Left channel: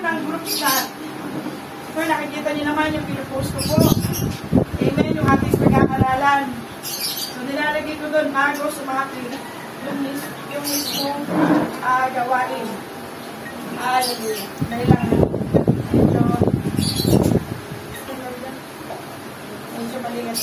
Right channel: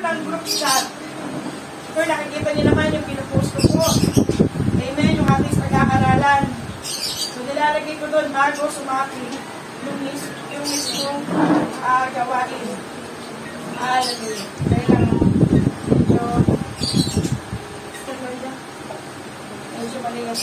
ng group chat. Kung nakikita niyo naman yung pinupost ko po. Amen, yung ating pagkakaralan. So, nilalagay ko doon bago sumaki yung mismong gawain. Hallelujah. Kaya lang, medyo maligas.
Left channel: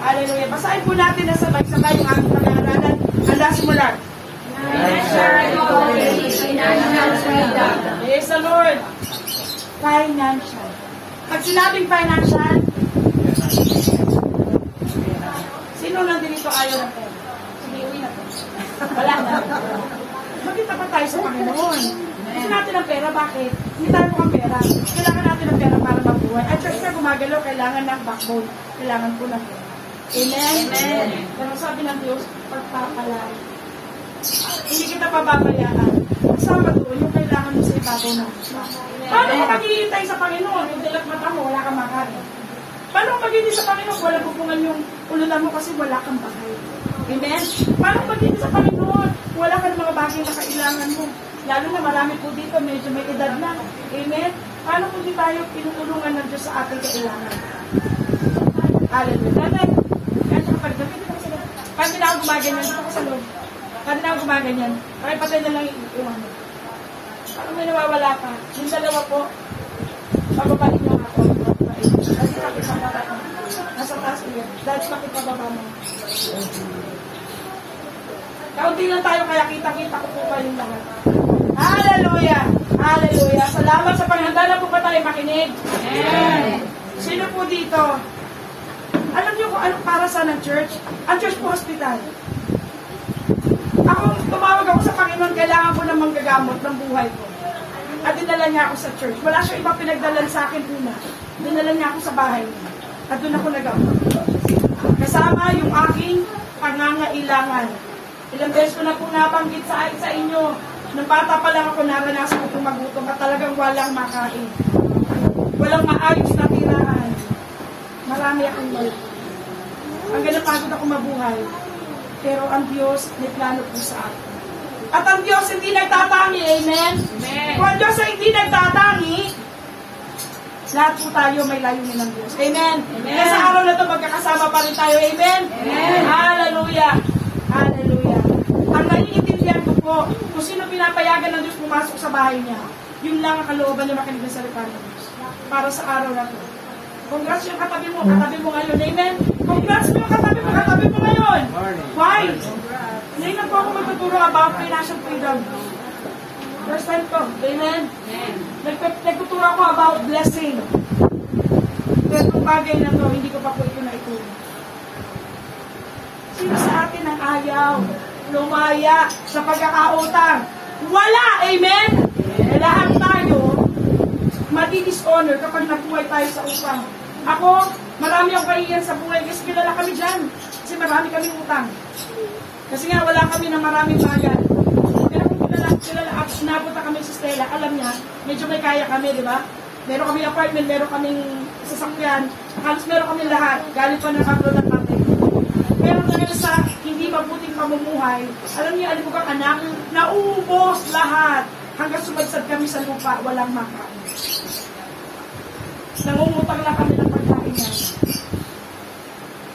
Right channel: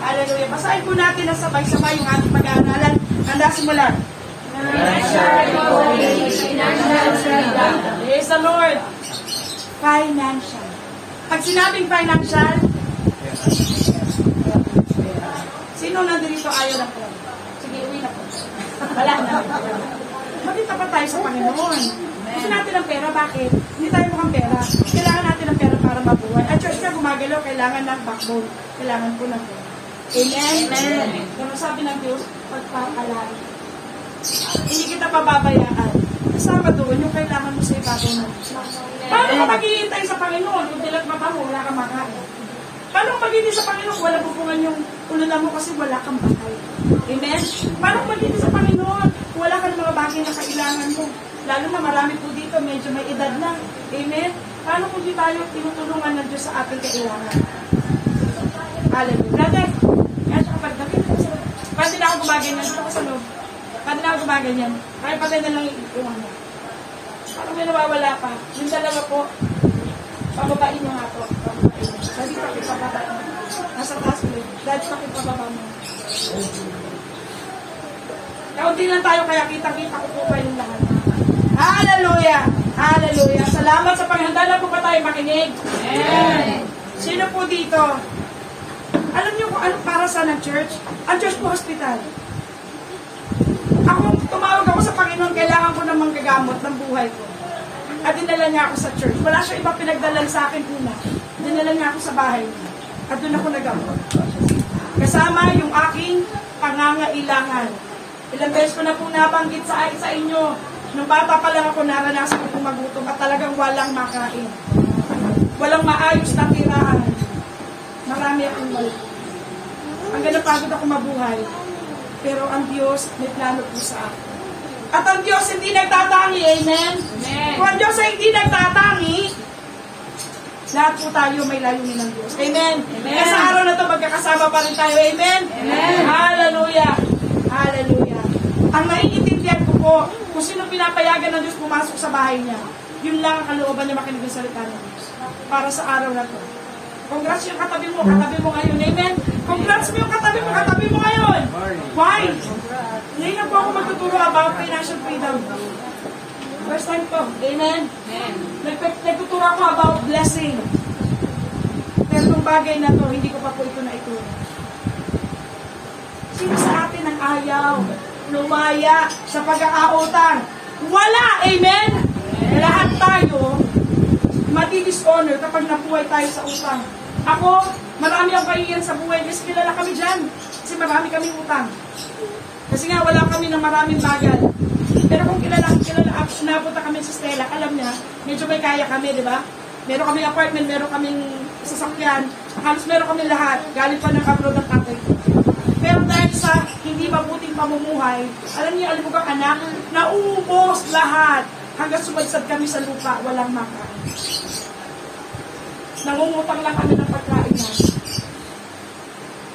Hallelujah. Basahin po natin na sabay-sabay yung ating pag-aaralan. Handa simula. Praise the Lord. Financial. Pag sinabing financial, sino nandito ayaw ng pera? Sige, uwi na po. Wala na. Magkita pa tayo sa Panginoon. Kasi natin ang pera, bakit? Hindi tayo mukhang pera. Kailangan natin ng pera para mabuhay. At just na gumagalaw, kailangan ng backbone. Kailangan po ng pera. Amen? Amen. Pero sabi ng Diyos, pagpapalain. Hindi kita pababayaan. Kasama doon yung kailangan mo sa ibabaw ng Diyos. Paano ka maghihintay sa Panginoon? Yung dilat mata mo, wala kang makain. Paano ka maghihintay sa Panginoon? Walang pupungan yung ululan mo kasi wala kang bakal. Amen? Paano ka maghihintay sa Panginoon? Wala ka ng mga bagay na kailangan mo. Lalo na marami po dito, medyo may edad na. Amen? Paano kung di tayo tinutulungan ng Diyos sa ating kailangan? Hallelujah. Brother, eto kapag nakita ko sa loob. Pwede na ako gumaganyan. Dito ko sa loob. Pwede na ako gumaganyan. Kaya patay na lang yung ano. Parang may nawawala pa. Yung dalawa po, pababain nyo nga po. Dahil pakipababa mo. Nasa taas mo. Dahil pakipababa mo. Kaunti lang tayo kaya kita-kita ko po kayong lahat. Hallelujah! Hallelujah! Salamat sa paghanda na po pa tayo makinig. Amen! Sino po dito? Alam niyo kung ano para sa ng church? Ang church po hospital. Ako, tumawag ako sa Panginoon, kailangan ko ng manggagamot ng buhay ko. At dinala niya ako sa church. Wala siya iba pinagdalan sa akin una. Dinala niya ako sa bahay niya. At doon ako nagamot. Kasama yung aking pangangailangan. Ilang beses ko na po nabanggit sa inyo. Nung bata pa lang ako, naranasan ko magutom at talagang walang makain. Walang maayos na tirahan. Marami akong mali. Hanggang napagod ako mabuhay. Pero ang Diyos may plano po sa akin. At ang Diyos hindi nagtatangi, amen? Amen. Kung ang Diyos ay hindi nagtatangi, lahat po tayo may layunin ng Diyos. Amen? Amen. Kaya sa araw na ito, magkakasama pa rin tayo. Amen? Amen. Hallelujah. Hallelujah. Ang naiintindihan ko po, kung sino pinapayagan ng Diyos pumasok sa bahay niya, yun lang ang kalooban na makinig ng salita ng Diyos. Para sa araw na ito. Congrats yung katabi mo ngayon. Amen? Congrats mo yung katabi mo ngayon. Why? Ngayon na po ako magtuturo about financial freedom. First time ko. Amen? Nagtuturo ako about blessing. Pero kung bagay na to, hindi ko pa po ito na ituro. Sino sa atin ang ayaw, lumaya sa pagkakautang? Wala! Amen? Lahat tayo madi-dishonor kapag nabuhay tayo sa utang. Ako, marami akong kaiyan sa buhay kasi kilala kami dyan. Kasi marami kami utang. Kasi nga wala kami ng maraming bayan. Pero kung kilala, napunta kami sa Stella, alam niya, medyo may kaya kami, di ba? Meron kami apartment, meron kaming sasakyan, halos meron kami lahat, galing pa nakaprodot natin. Pero dahil sa hindi mabuting pamumuhay, alam niya, alam mo kang anak, nauubos lahat. Hanggang sumagsad kami sa lupa, walang makain. Nangungutang lang kami ng pagkain natin.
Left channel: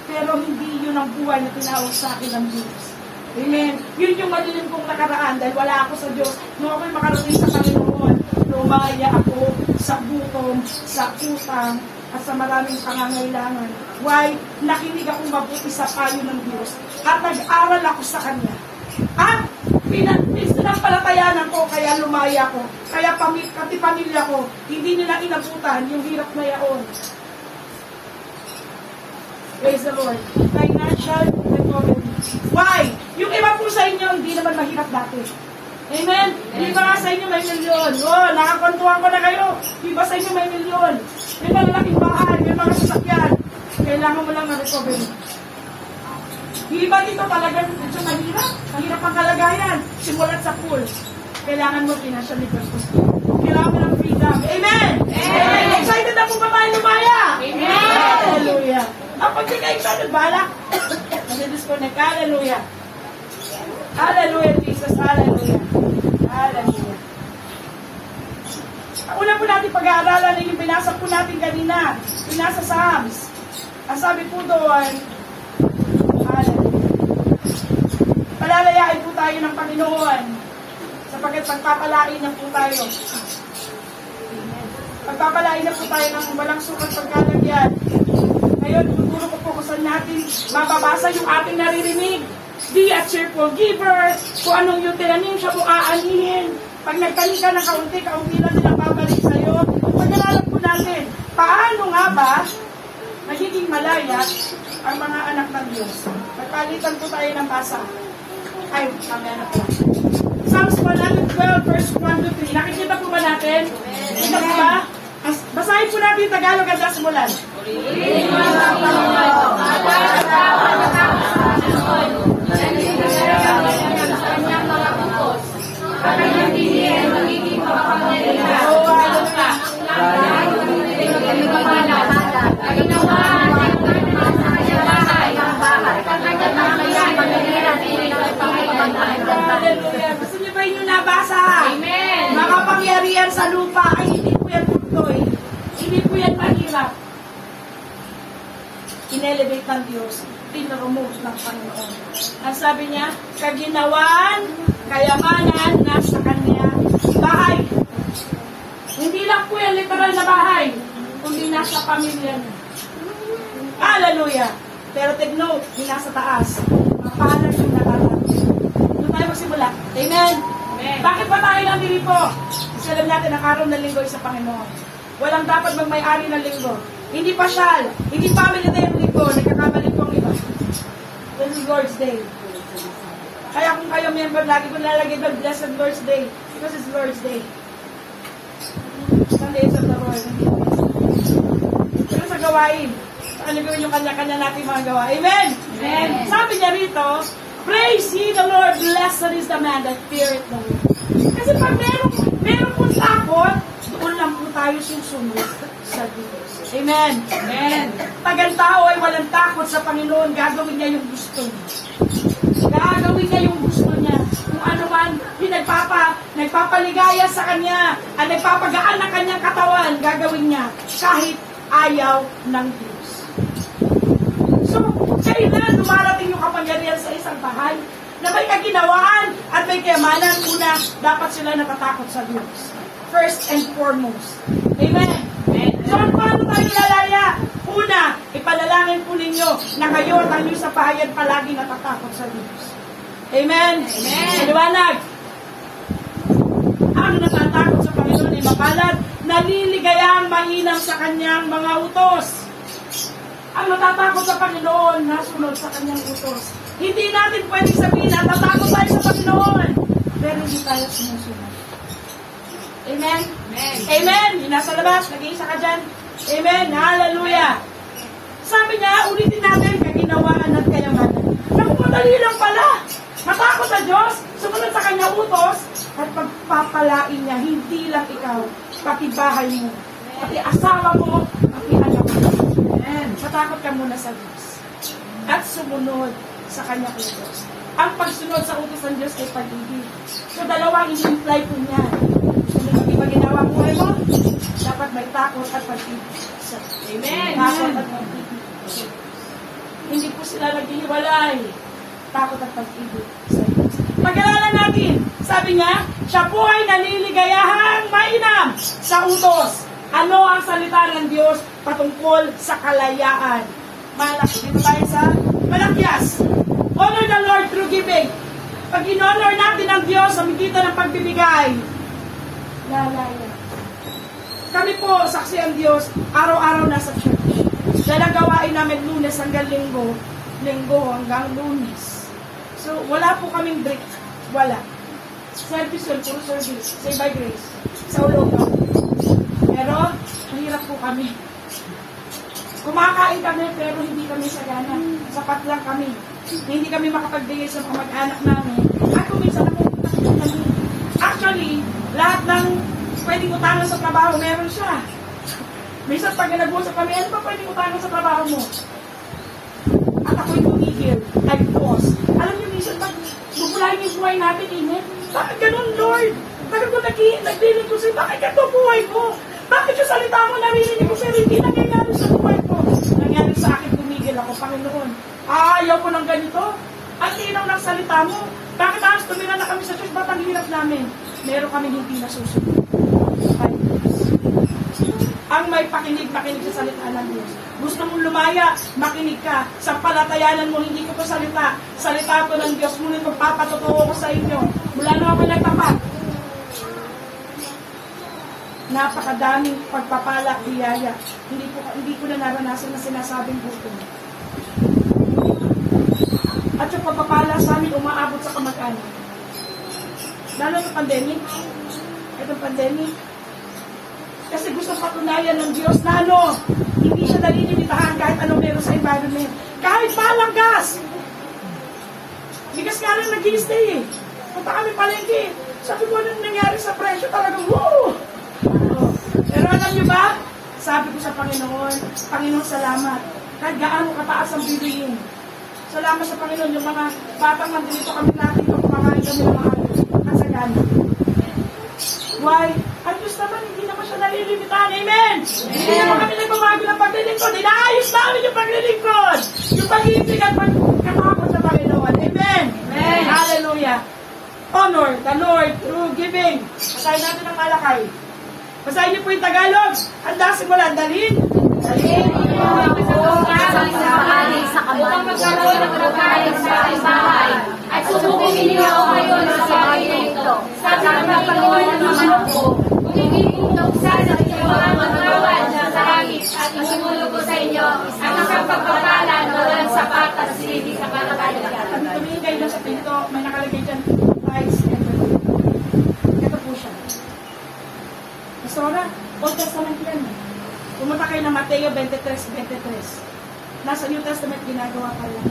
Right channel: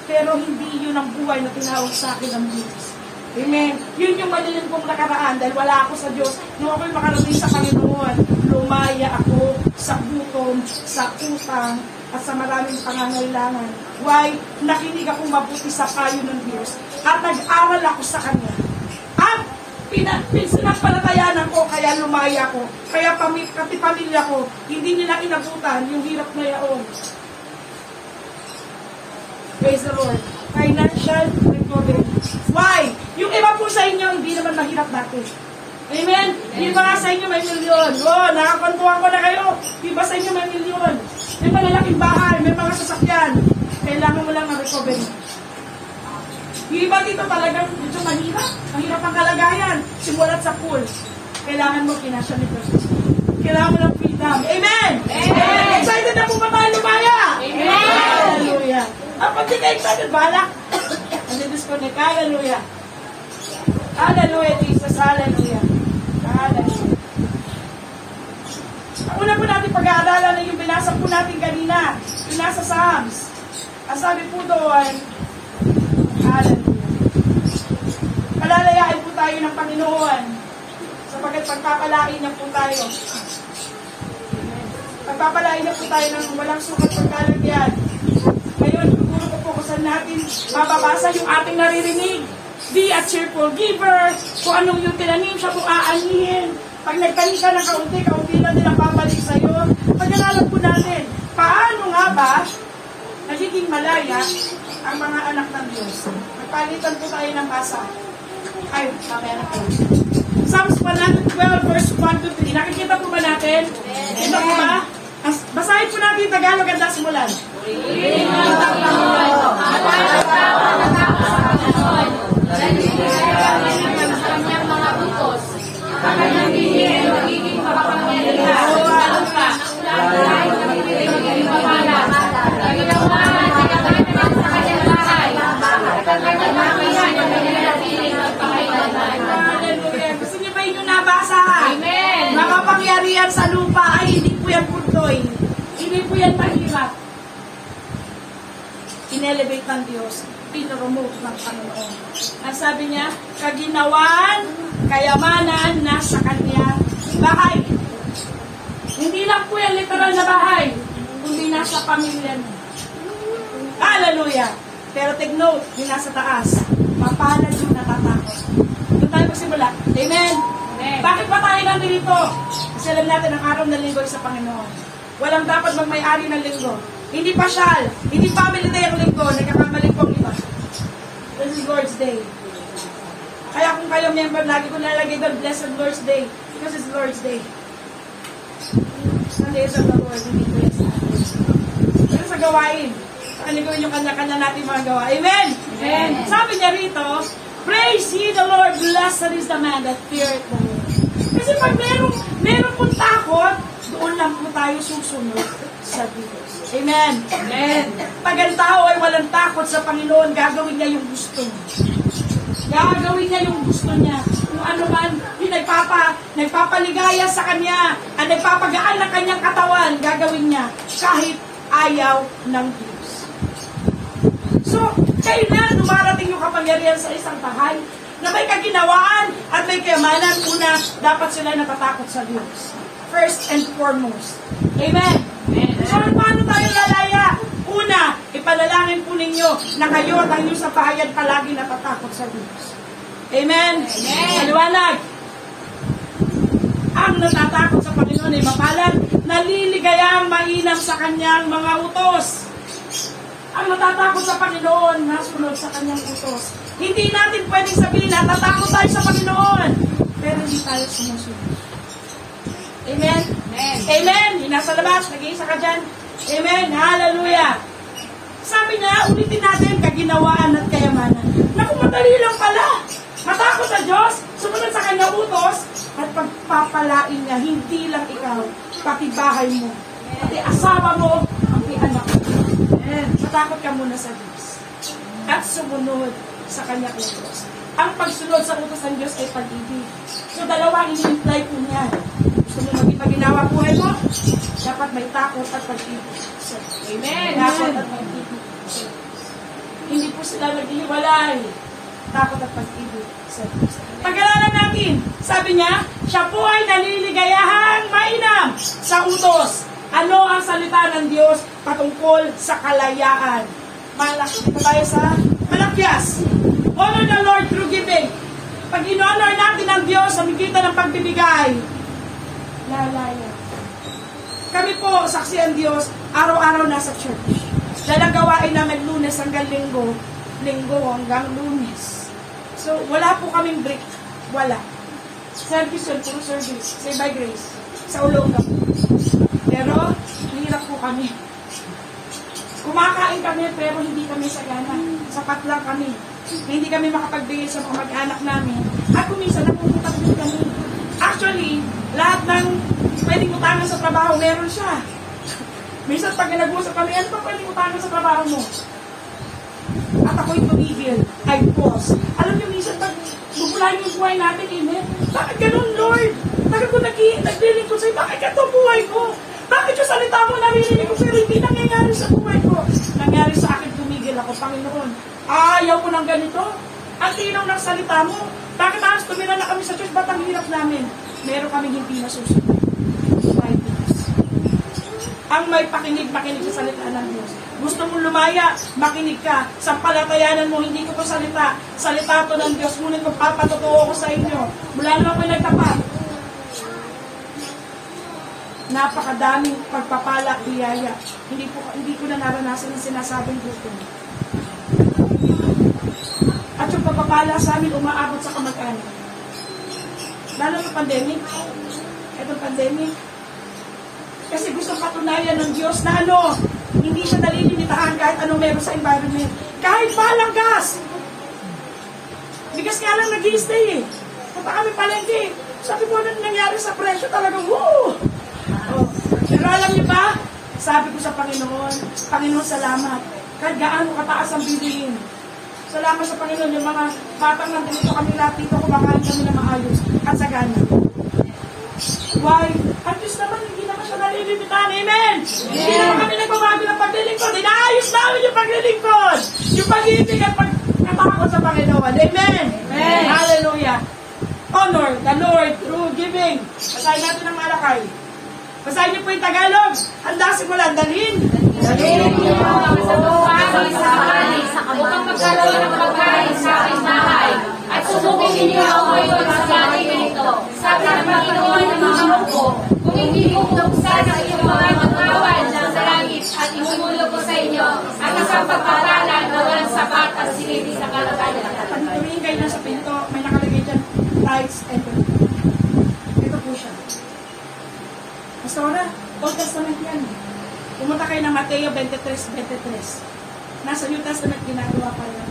Pero hindi yun ang buhay na tinawag sa akin ng Diyos. Amen. Yun yung madilim kong nakaraan dahil wala ako sa Diyos. Nung ako'y makarating sa Panginoon, lumaya ako sa gutom, sa utang, at sa maraming pangangailangan. Why? Nakinig akong mabuti sa payo ng Diyos at nag-aral ako sa Kanya. At Pinampalatayanan ko, kaya lumaya ko. Kaya pati pamilya ko, hindi nila inabutan yung hirap na yaon. Praise the Lord. Financial recovery. Why? Yung iba po sa inyo, hindi naman mahirap dati. Amen? Di ba sa inyo may milyon? Nakakontuhan ko na kayo. Di ba sa inyo may milyon? May malalaking bahay, may mga sasakyan. Kailangan mo lang ma-recovery. Di ba dito talagang medyo mahirap? Mahirap ang kalagayan. Simulat sa pool. Kailangan mo financial recovery. Kailangan mo ng freedom. Amen! Amen! Excited na po ba mga lumaya? Amen! Hallelujah! Ang pagkika-excited, balak. Nandidisconnect. Hallelujah! Hallelujah, Jesus. Hallelujah. Hallelujah. Ang una po natin pag-aaralan ay yung binasa po natin kanina. Binasa sa Psalms. Ang sabi po doon, hallelujah. Palalayain po tayo ng Panginoon sapagkat pagpapalain na po tayo. Pagpapalain na po tayo ng walang sukat pagkalagyan. Ngayon, tuturo ko po kung saan natin mababasa yung ating naririnig. Be a cheerful giver. Kung anong yung tinanim siya, kung aanihin. Pag nagtanim ka ng kaunti lang nila babalik sa'yo. Pag-aralan po natin, paano nga ba nagiging malaya ang mga anak ng Diyos? Nagpalitan po tayo ng basa. Ay, mamaya na po. Psalms 112 verse 1 to 3. Nakikita po ba natin? Ito po ba? Basahin po natin Tagalog at Dasmulan. Gusto niyo ba inyo nabasa? Amen. Nakapangyarihan sa lupa ay hindi po yan puntoy. Hindi po yan mahirap. In-elevate ng Diyos. In-remove ng Panginoon. Ang sabi niya, kaginawan, kayamanan, nasa kanya bahay. Hindi lang po yan literal na bahay, kundi nasa pamilya niya. Hallelujah! Pero take note, yung nasa taas, mapalad yung natatakot. Doon tayo magsimula. Amen? Amen. Bakit ba tayo nandito? Kasi alam natin ang araw ng linggo sa Panginoon. Walang dapat magmay-ari ng linggo. Hindi pasyal, hindi family day ang linggo, nagkakabalik pong iba. This is Lord's Day. Kaya kung kayo member, lagi ko nalagay doon, Blessed Lord's Day. Because it's Lord's Day. Sunday is of the Lord. Pero sa gawain, ano gawin yung kanya-kanya natin mga gawa. Amen? Amen. Sabi niya rito, praise ye the Lord, blessed is the man that feareth the Lord. Kasi pag meron pong takot, doon lang po tayo susunod sa Diyos. Amen. Amen. Pag ang tao ay walang takot sa Panginoon, gagawin niya yung gusto niya. Gagawin niya yung gusto niya. Kung ano man, yung nagpapaligaya sa kanya, at nagpapagaan ng kanyang katawan, gagawin niya kahit ayaw ng Diyos. So, kailan dumarating yung kapangyarihan sa isang bahay na may kaginawaan at may kayamanan? Una, dapat sila natatakot sa Diyos. First and foremost. Amen. So, paano tayo lalaya? Una, ipanalangin po ninyo na kayo sa bahayan palagi natatakot sa Diyos. Amen? Amen. Liwanag. Ang natatakot sa Panginoon ay mapalad, naliligayang mainam sa kanyang mga utos. Ang natatakot sa Panginoon, nasunod sa kanyang utos. Hindi natin pwede sabihin na natatakot tayo sa Panginoon, pero hindi tayo sumusunod. Amen? Amen. Amen. Nasa labas, nag-iisa ka dyan. Amen. Hallelujah. Sabi niya, ulitin natin, kaginawaan at kayamanan. Naku, madali lang pala. Matakot sa Diyos, sumunod sa kanyang utos, at pagpapalain niya, hindi lang ikaw, pati bahay mo, pati asawa mo, ang pinanap. Matakot ka muna sa Diyos. At sumunod sa kanyang utos. Ang pagsunod sa utos ng Diyos ay pag-ibig. So, dalawang ini-imply po niya. Gusto mo magpaginawa buhay mo? Dapat may takot at pag-ibig. Amen. Takot at pag-ibig. Hindi po sila naghihiwalay. Takot at pag-ibig sa Diyos. Pag-alalan natin, sabi niya, siya po ay naliligayahang mainam sa utos. Ano ang salita ng Diyos patungkol sa kalayaan? Malaki. Dito tayo sa Malakyas. Honor the Lord through giving. Pag in-honor natin ang Diyos sa magitan ng pagbibigay, lalaya. Kami po, saksi ang Diyos, araw-araw nasa church. Dahil ang gawain namin Lunes hanggang Linggo, Linggo hanggang Lunes. So, wala po kaming break. Wala. Service yun, puro service. Say by grace. Sa ulo po. Pero, mahirap po kami. Kumakain kami, pero hindi kami sagana. Sapat lang kami. Hindi kami makapagbigay sa mga mag-anak namin. At kung minsan, napupunta ko kami. Actually, lahat ng pwedeng utangan sa trabaho, meron siya. Minsan, pag nag-usap kami, ano pa pwedeng utangan sa trabaho mo? At ako'y tumigil. Ay, pause. Alam niyo, minsan, pag bubulahin yung buhay natin, bakit ganun, Lord? Bakit ko nagdiling ko sa'yo? Bakit ganun buhay ko? Bakit yung salita mo naririnig ko, pero hindi nangyayari sa buhay ko? Nangyari sa akin, tumigil ako, Panginoon. Ayaw ko ng ganito. At ilaw ng salita mo. Bakit halos tumira na kami sa church? Ba't ang hirap namin? Meron kami hindi nasusunod. Ang may makinig sa salita ng Diyos. Gusto mong lumaya, makinig ka. Sa palatayanan mo, hindi ko to salita. Salita to ng Diyos. Ngunit kung papatotoo ko sa inyo. Mula na ako nagtapat. Napakadaming pagpapala, biyaya. Hindi ko na naranasan na sinasabing buto. At yung pagpapala sa amin, umaabot sa kamag-anak. Lalo na pandemic. Itong pandemic. Kasi gusto patunayan ng Diyos na hindi siya nalilimitahan kahit ano meron sa environment. Kahit palang gas. Bigas nga lang nag-i-stay eh. Punta kami palengke. Sabi ko, ano nangyari sa presyo talagang, woo! Pero alam niyo ba? Sabi ko sa Panginoon, Panginoon, salamat. Kahit gaano kataas ang bilihin. Salamat sa Panginoon, yung mga batang nandito kami natin kung kumakain kami na maayos. At sa gano'n. Why? Ang Diyos naman, hindi naman siya nalilimitahan. Amen! Hindi naman kami nagbabago ng paglilingkod. Inaayos namin yung paglilingkod. Yung pag-ibig at pagkatakot sa Panginoon. Amen! Amen! Hallelujah! Honor the Lord through giving. Kasayin natin ang alakay. Kasayin niyo po yung Tagalog. Handa simulan. Dalhin. Dalhin niyo ang kasabukang sa bahay upang magkaroon ng pagkain sa aking bahay. At subukin ninyo ako ngayon sa bagay na ito. Sa pagkakaroon ng mga ko, kung hindi ko buksan ang iyong mga magawan sa langit at imumulog ko sa inyo, at ang pagpapala walang sapat at siliti sa kalagayan. Pag tumingin kayo sa pinto, may nakalagay dyan, tithes and offering. Ito po siya. Pastora, Old Testament yan. Pumunta kayo ng Mateo 23:23. Nasa New Testament ginagawa pa yan.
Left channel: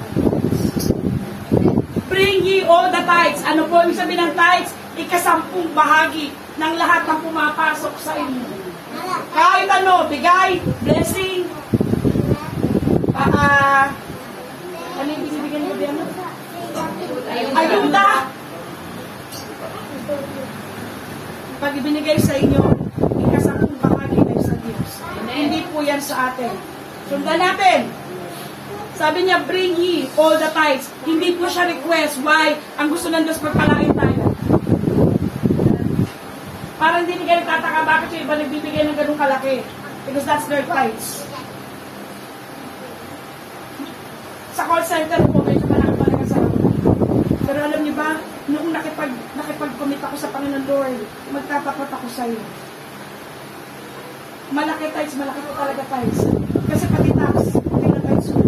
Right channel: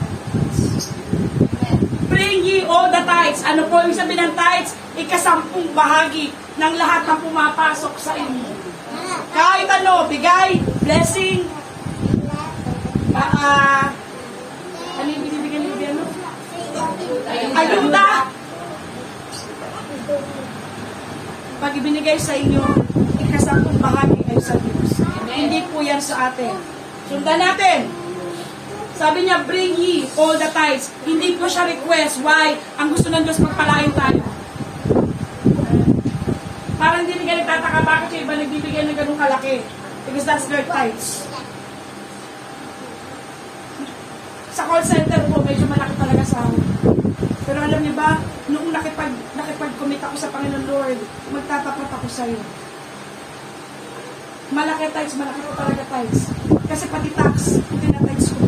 Bring ye all the tithes. Ano po yung sabi ng tithes? 10% bahagi ng lahat ng pumapasok sa inyo. Kahit ano, bigay, blessing, ano yung binibigyan niyo ba yan? Ayuda. Pag ibinigay sa inyo, 10% bahagi kayo sa Diyos. Hindi po yan sa atin. Sundan natin. Sabi niya, bring ye all the tithes. Hindi po siya request. Why? Ang gusto ng Diyos magpalain tayo. Parang hindi rin ganit tataka bakit yung iba nagbibigay ng ganun kalaki. Because that's their tithes. Sa call center po, medyo malaki talaga sa ako. Pero alam niyo ba, noong nakipag-commit ako sa Panginoon Lord, magtatapat ako sa iyo. Malaki tithes, malaki po talaga tithes. Kasi pati tax, tinatithes ko.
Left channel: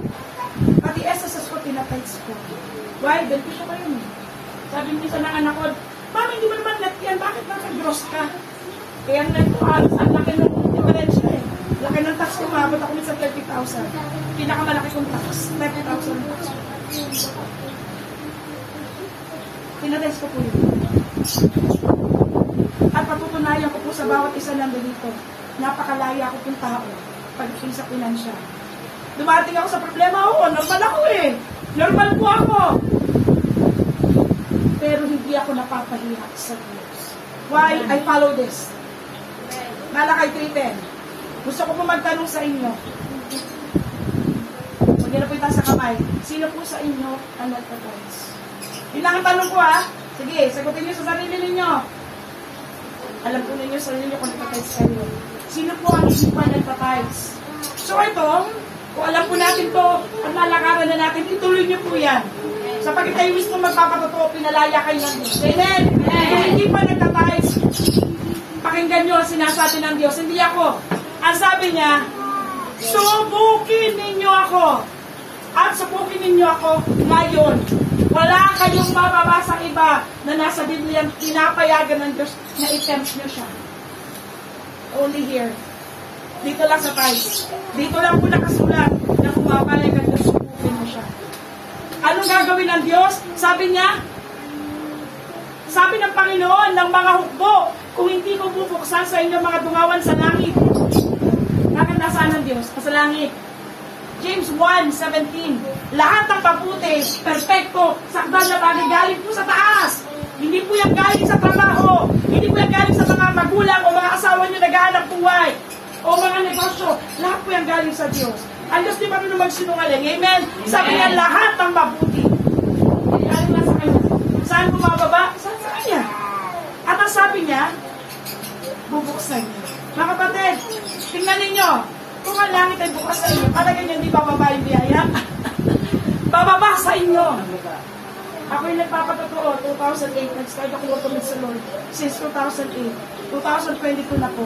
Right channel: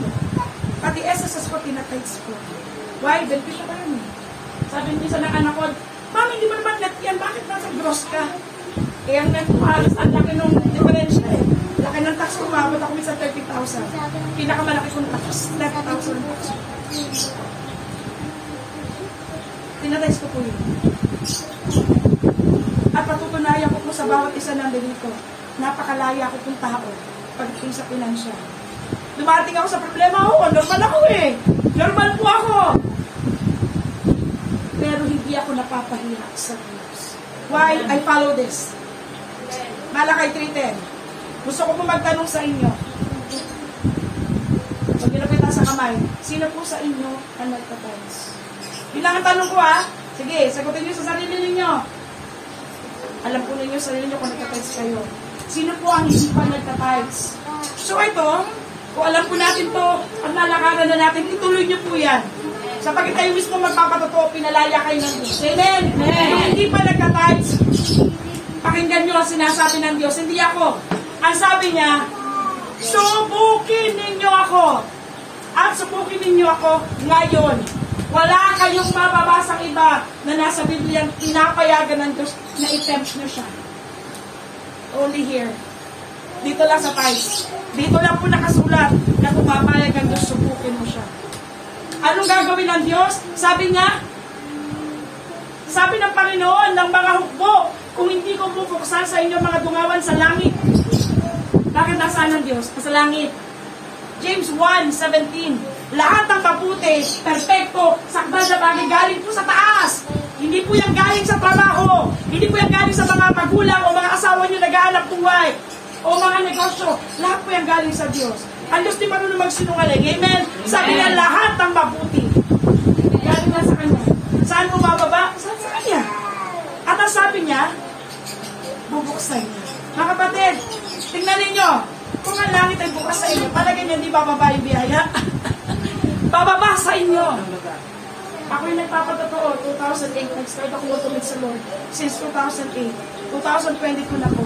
Pati SSS ko, tinatithes ko. Why? Beneficio ko yun. Sabi niyo sa anak ko, Mami, hindi mo naman net yan, bakit nasa gross ka? Kaya ang net ko alas, ang laki ng diferensya eh. Laki ng tax ko, maabot ako sa 30,000. Pinakamalaki kong tax, 30,000 tax. Tinatithes ko po yun. At patutunayan ko po sa bawat isa nandun dito. Napakalaya ako pong tao pagdating sa pinansya. Dumating ako sa problema, normal ako eh. Normal po ako. Pero hindi ako napapahiya sa Diyos. Why? I follow this. Malakay 3:10. Gusto ko po magtanong sa inyo. Pag ginapitan sa kamay, sino po sa inyo ang nagtatithes? Yun lang ang tanong ko ha. Sige, sagutin niyo sa sarili ninyo. Alam po ninyo sa sarili niyo kung nagtatithes kayo. Sino po ang isipan nagtatithes? So ito, kung alam po natin to at nalakaran na natin, ituloy niyo po yan. Sapagkat kayo mismo magpapatotoo, pinalaya kayo ng Diyos. Amen? Kung hindi pa nagka-tithes, pakinggan nyo ang sinasabi ng Diyos. Hindi ako. Ang sabi niya, subukin ninyo ako. At subukin ninyo ako ngayon. Wala kayong mababasang iba na nasa Biblia pinapayagan ng Diyos na i-tempt nyo siya. Only here. Dito lang sa tithes. Dito lang po nakasulat na pumapayag ang Diyos, subukin mo siya. Anong gagawin ng Diyos? Sabi niya, sabi ng Panginoon ng mga hukbo, kung hindi ko bubuksan sa inyo mga dungawan sa langit. Bakit nasaan ng Diyos? Sa langit. James 1:17. Lahat ng mabuti, perfecto, sakdal na bagay galing po sa taas. Hindi po yan galing sa trabaho. Hindi po yan galing sa mga magulang o mga asawa niyo nag-aanap buhay. O mga negosyo. Lahat po yan galing sa Diyos. Ang Diyos di marunong magsinungaling. Amen? Sabi niya lahat ng mabuti. Galing na sa Kanya. Saan bumababa? Saan sa Kanya? At ang sabi niya, bubuksan niya. Mga kapatid, tingnan ninyo. Kung ang langit ay bukas sa inyo, talaga niya hindi bababa yung biyaya. Bababa sa inyo. Ako'y nagpapatotoo, 2008, nag-start ako matumid sa Lord. Since 2008. 2022 na po.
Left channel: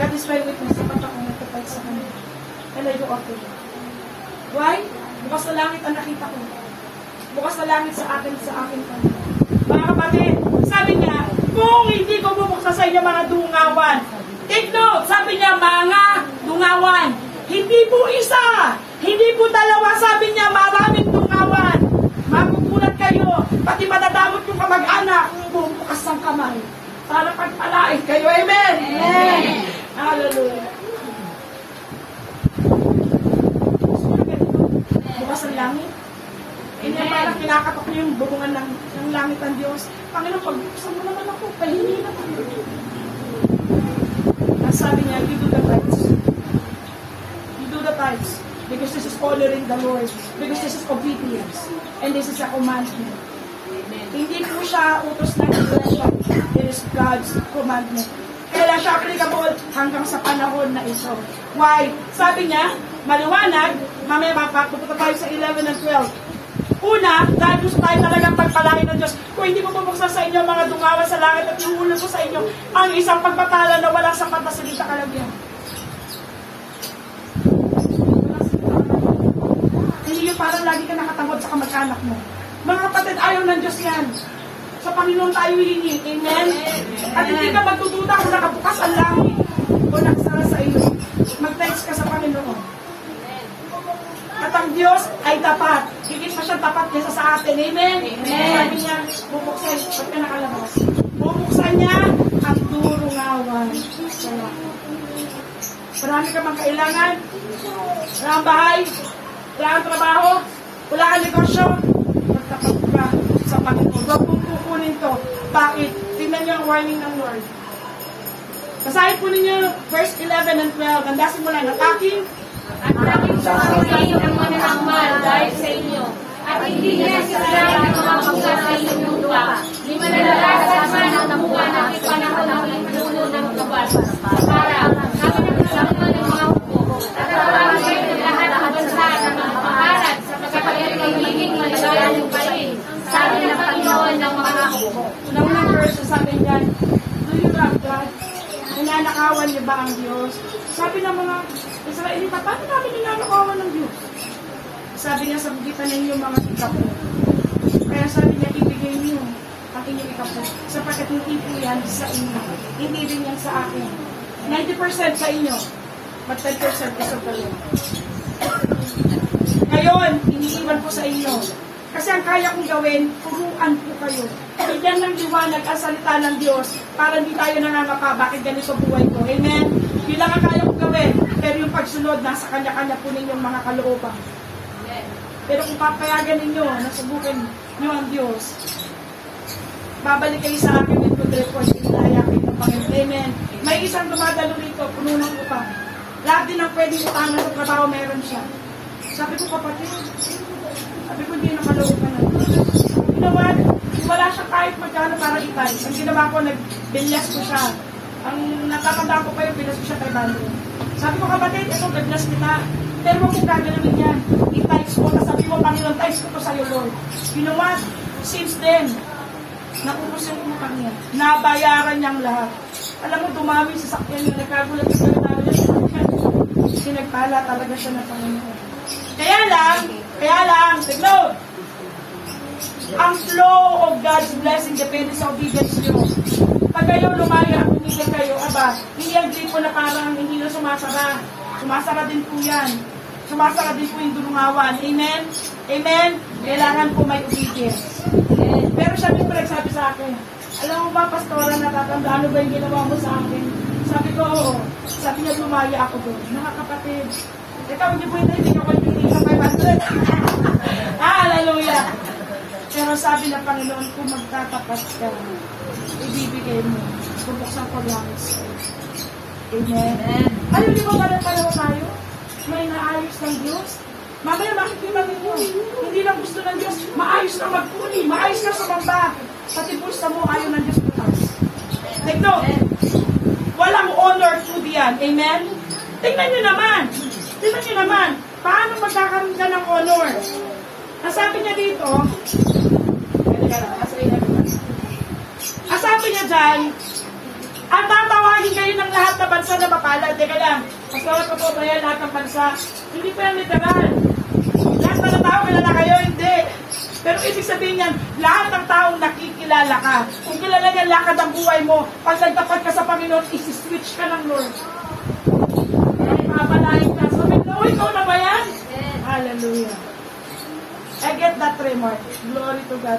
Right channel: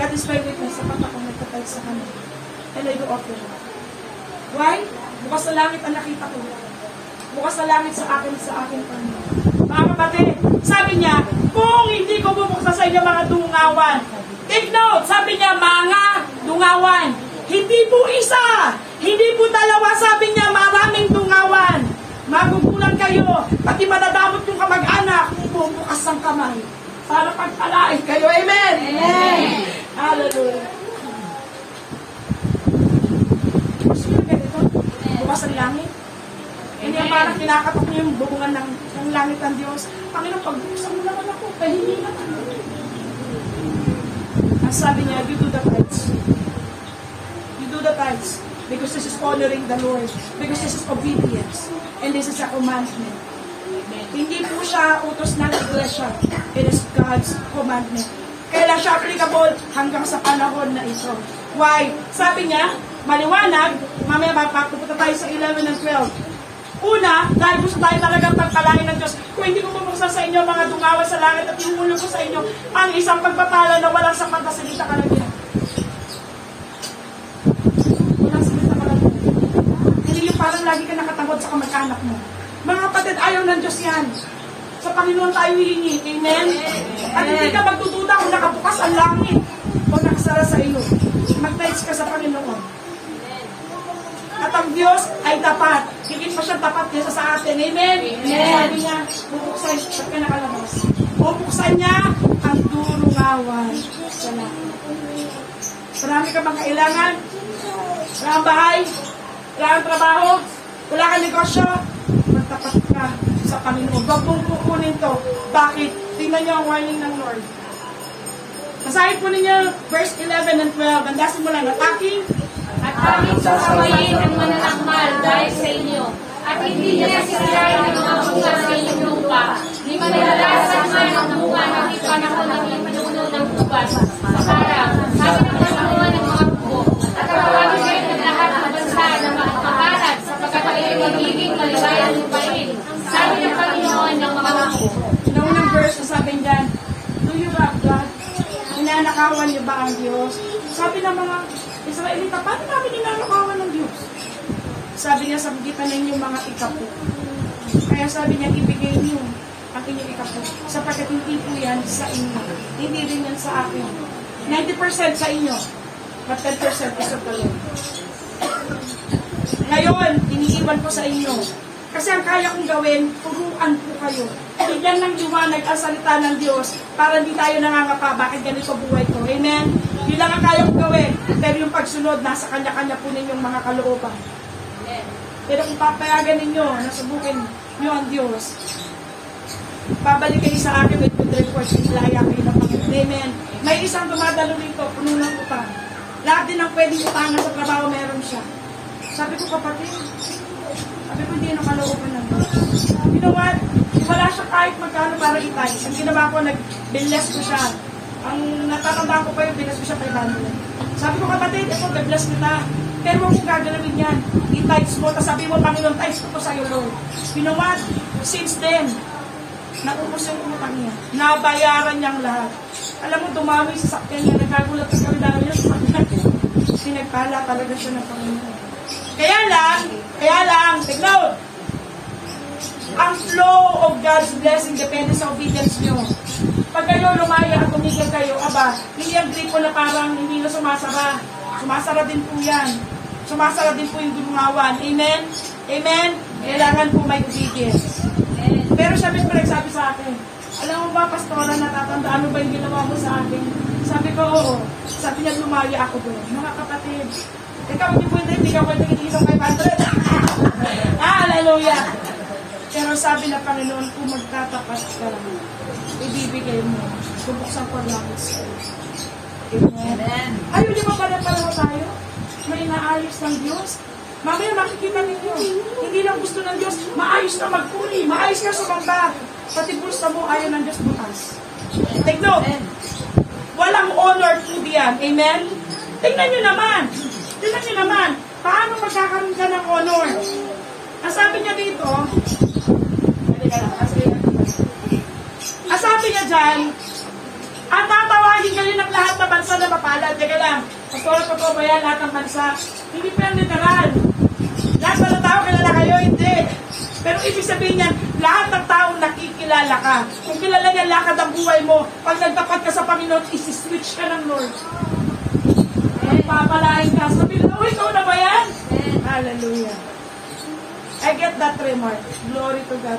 God is my witness, sapat ako nagtatag sa Kanya. And I do offer it. Why? Bukas na langit ang nakita ko. Bukas na langit sa akin Kanya. Mga kapatid, sabi niya, kung hindi ko bubuksan sa inyo mga dungawan, take note, sabi niya, mga dungawan. Hindi po isa, hindi po dalawa, sabi niya, maraming dungawan. Magugulan kayo, pati madadamot yung kamag-anak, bubukas ang kamay. Para pagpalain kayo, amen? Amen! Hallelujah. Bukas ang langit. Hindi parang pinakatok niyo yung bubungan ng langit ng Diyos. Panginoon, pagbuksan mo naman ako, pahingi naman. Ang sabi niya, you do the tithes. You do the tithes. Because this is honoring the Lord. Because this is obedience. And this is a commandment. Hindi po siya utos ng iglesia. It is God's commandment. Kaya siya applicable hanggang sa panahon na ito. Why? Sabi niya, maliwanag, mamaya mapapunta tayo sa 11 and 12. Una, dahil gusto tayo talagang pagpalain ng Diyos. Kung hindi ko bubuksan sa inyo mga dungawan sa langit at ihulog ko sa inyo ang isang pagpatala na walang sapat na salita kalabihan. Walang salita kalabihan. Hindi yung parang lagi ka nakatangod sa kamag-anak mo. Mga kapatid, ayaw ng Diyos yan. Sa Panginoon tayo hihingi. Amen? At hindi ka magdududa kung nakabukas ang langit o nakasara sa iyo. Mag-text ka sa Panginoon. At ang Diyos ay tapat. Higit pa siyang tapat niya sa atin. Amen? Amen. Sabi niya, bubuksan. Ba't ka nakalabas? Bubuksan niya ang durungawan sa langit. Marami ka bang kailangan? Wala kang bahay? Wala kang trabaho? Wala kang negosyo? Magtapat ka sa Panginoon. Huwag mong kukunin to. Bakit? Tingnan niyo ang warning ng Lord. Basahin po ninyo verse 11 and 12. Bandasin mo lang at aking at aming sasawayin ang mananangmal dahil sa inyo. At hindi niya sisirain ang mga bunga sa inyong lupa. Ni manalalasan man ang bunga ng ipanahon ng pinuno ng tubas. Para, sabi ng kasaluan ng mga hukbo, at tatawagan kayo ng lahat ng bansa ng mga pamarat sapagkat kayo nagiging malagayan ng parin. Sabi ng Panginoon ng mga hukbo. Unang verse, sabi niyan, do you love God? Ninanakawan niyo ba ang Diyos? Sabi ng mga Israelita, paano namin ninanakawan ng Diyos? Sabi niya, sabitan ninyo mga ikapo. Kaya sabi niya, ibigay niyo ang inyong ikapo. Sapagkat hindi po yan sa inyo. Hindi rin yan sa akin. 90% sa inyo. But 10% is of the Lord. Ngayon, iniiwan ko sa inyo. Kasi ang kaya kong gawin, turuan po kayo. Bigyan ng liwanag ang salita ng Diyos para hindi tayo nangangapa. Bakit ganito buhay ko? Amen? Bilang ang kaya kong gawin, pero yung pagsunod, nasa kanya-kanya po ninyong mga kalooban. Pero kung papayagan ninyo, nasubukin nyo ang Diyos, babalik kayo sa akin with good reports, ilaya kayo ng Panginoon. Amen? May isang dumadalo rito, puno ng utang. Lahat din ang pwedeng utangan sa trabaho, meron siya. Sabi ko, kapatid, sabi ko, hindi nakalooban ng Diyos. You know what? Wala siya kahit magkano para itay. Ang ginawa ko, nag-bless ko siya. Ang natatandaan ko pa yung bless ko siya kay Bando. Sabi ko, kapatid, ito, God-bless kita. Pero huwag mong gagalawin yan. I-tights mo, sabi mo, Panginoon, tights ko to sa'yo, Lord. You know what? Since then, naubos yung utang niya. Nabayaran niyang lahat. Alam mo, dumami sa sakyan niya. Nagkagulat sa kanya niya. Sinagpala talaga siya ng Panginoon. Kaya lang, tignan, ang flow of God's blessing depende sa obedience niyo. Pag kayo lumaya at tumigil kayo, hindi ang gripo na parang hindi na sumasara. Sumasara din po yan. Sumasara din po yung dumawan. Amen? Amen? Kailangan po may obedience. Pero siya may nagsabi sa akin, alam mo ba, Pastora, natatanda, ano ba yung ginawa mo sa akin? Sabi ko, oo. Sabi niya, lumaya ako doon. Mga kapatid, ikaw, hindi ka pwede hindi sa 500. Hallelujah! Pero sabi na Panginoon, kung magtatapat ka, ibibigay mo. Bubuksan ko langit sa'yo. Amen. Ayaw, di ba ba na pala tayo? May naayos ng Diyos. Mamaya makikita ninyo. Hindi lang gusto ng Diyos. Maayos na magpuli. Maayos na sumamba. Pati pusta mo, ayaw ng Diyos bukas. Take note. Walang honor to diyan. Amen? Tingnan nyo naman. Tingnan nyo naman. Paano magkakaroon ka ng honor? Ang sabi niya dito, ang sabi niya dyan, ang tatawagin kayo ng lahat na bansa na mapalad. Teka lang, pastora ko po ba yan lahat ng bansa? Hindi pa literal. Lahat na tao, kilala kayo, hindi. Pero ibig sabihin yan, lahat ng tao nakikilala ka. Kung kilala niya lakad ang buhay mo, pag nagtapat ka sa Panginoon, isi-switch ka ng Lord. Papalain ka. Sabi na, ikaw na ba yan? Hallelujah. I get that remark. Glory to God.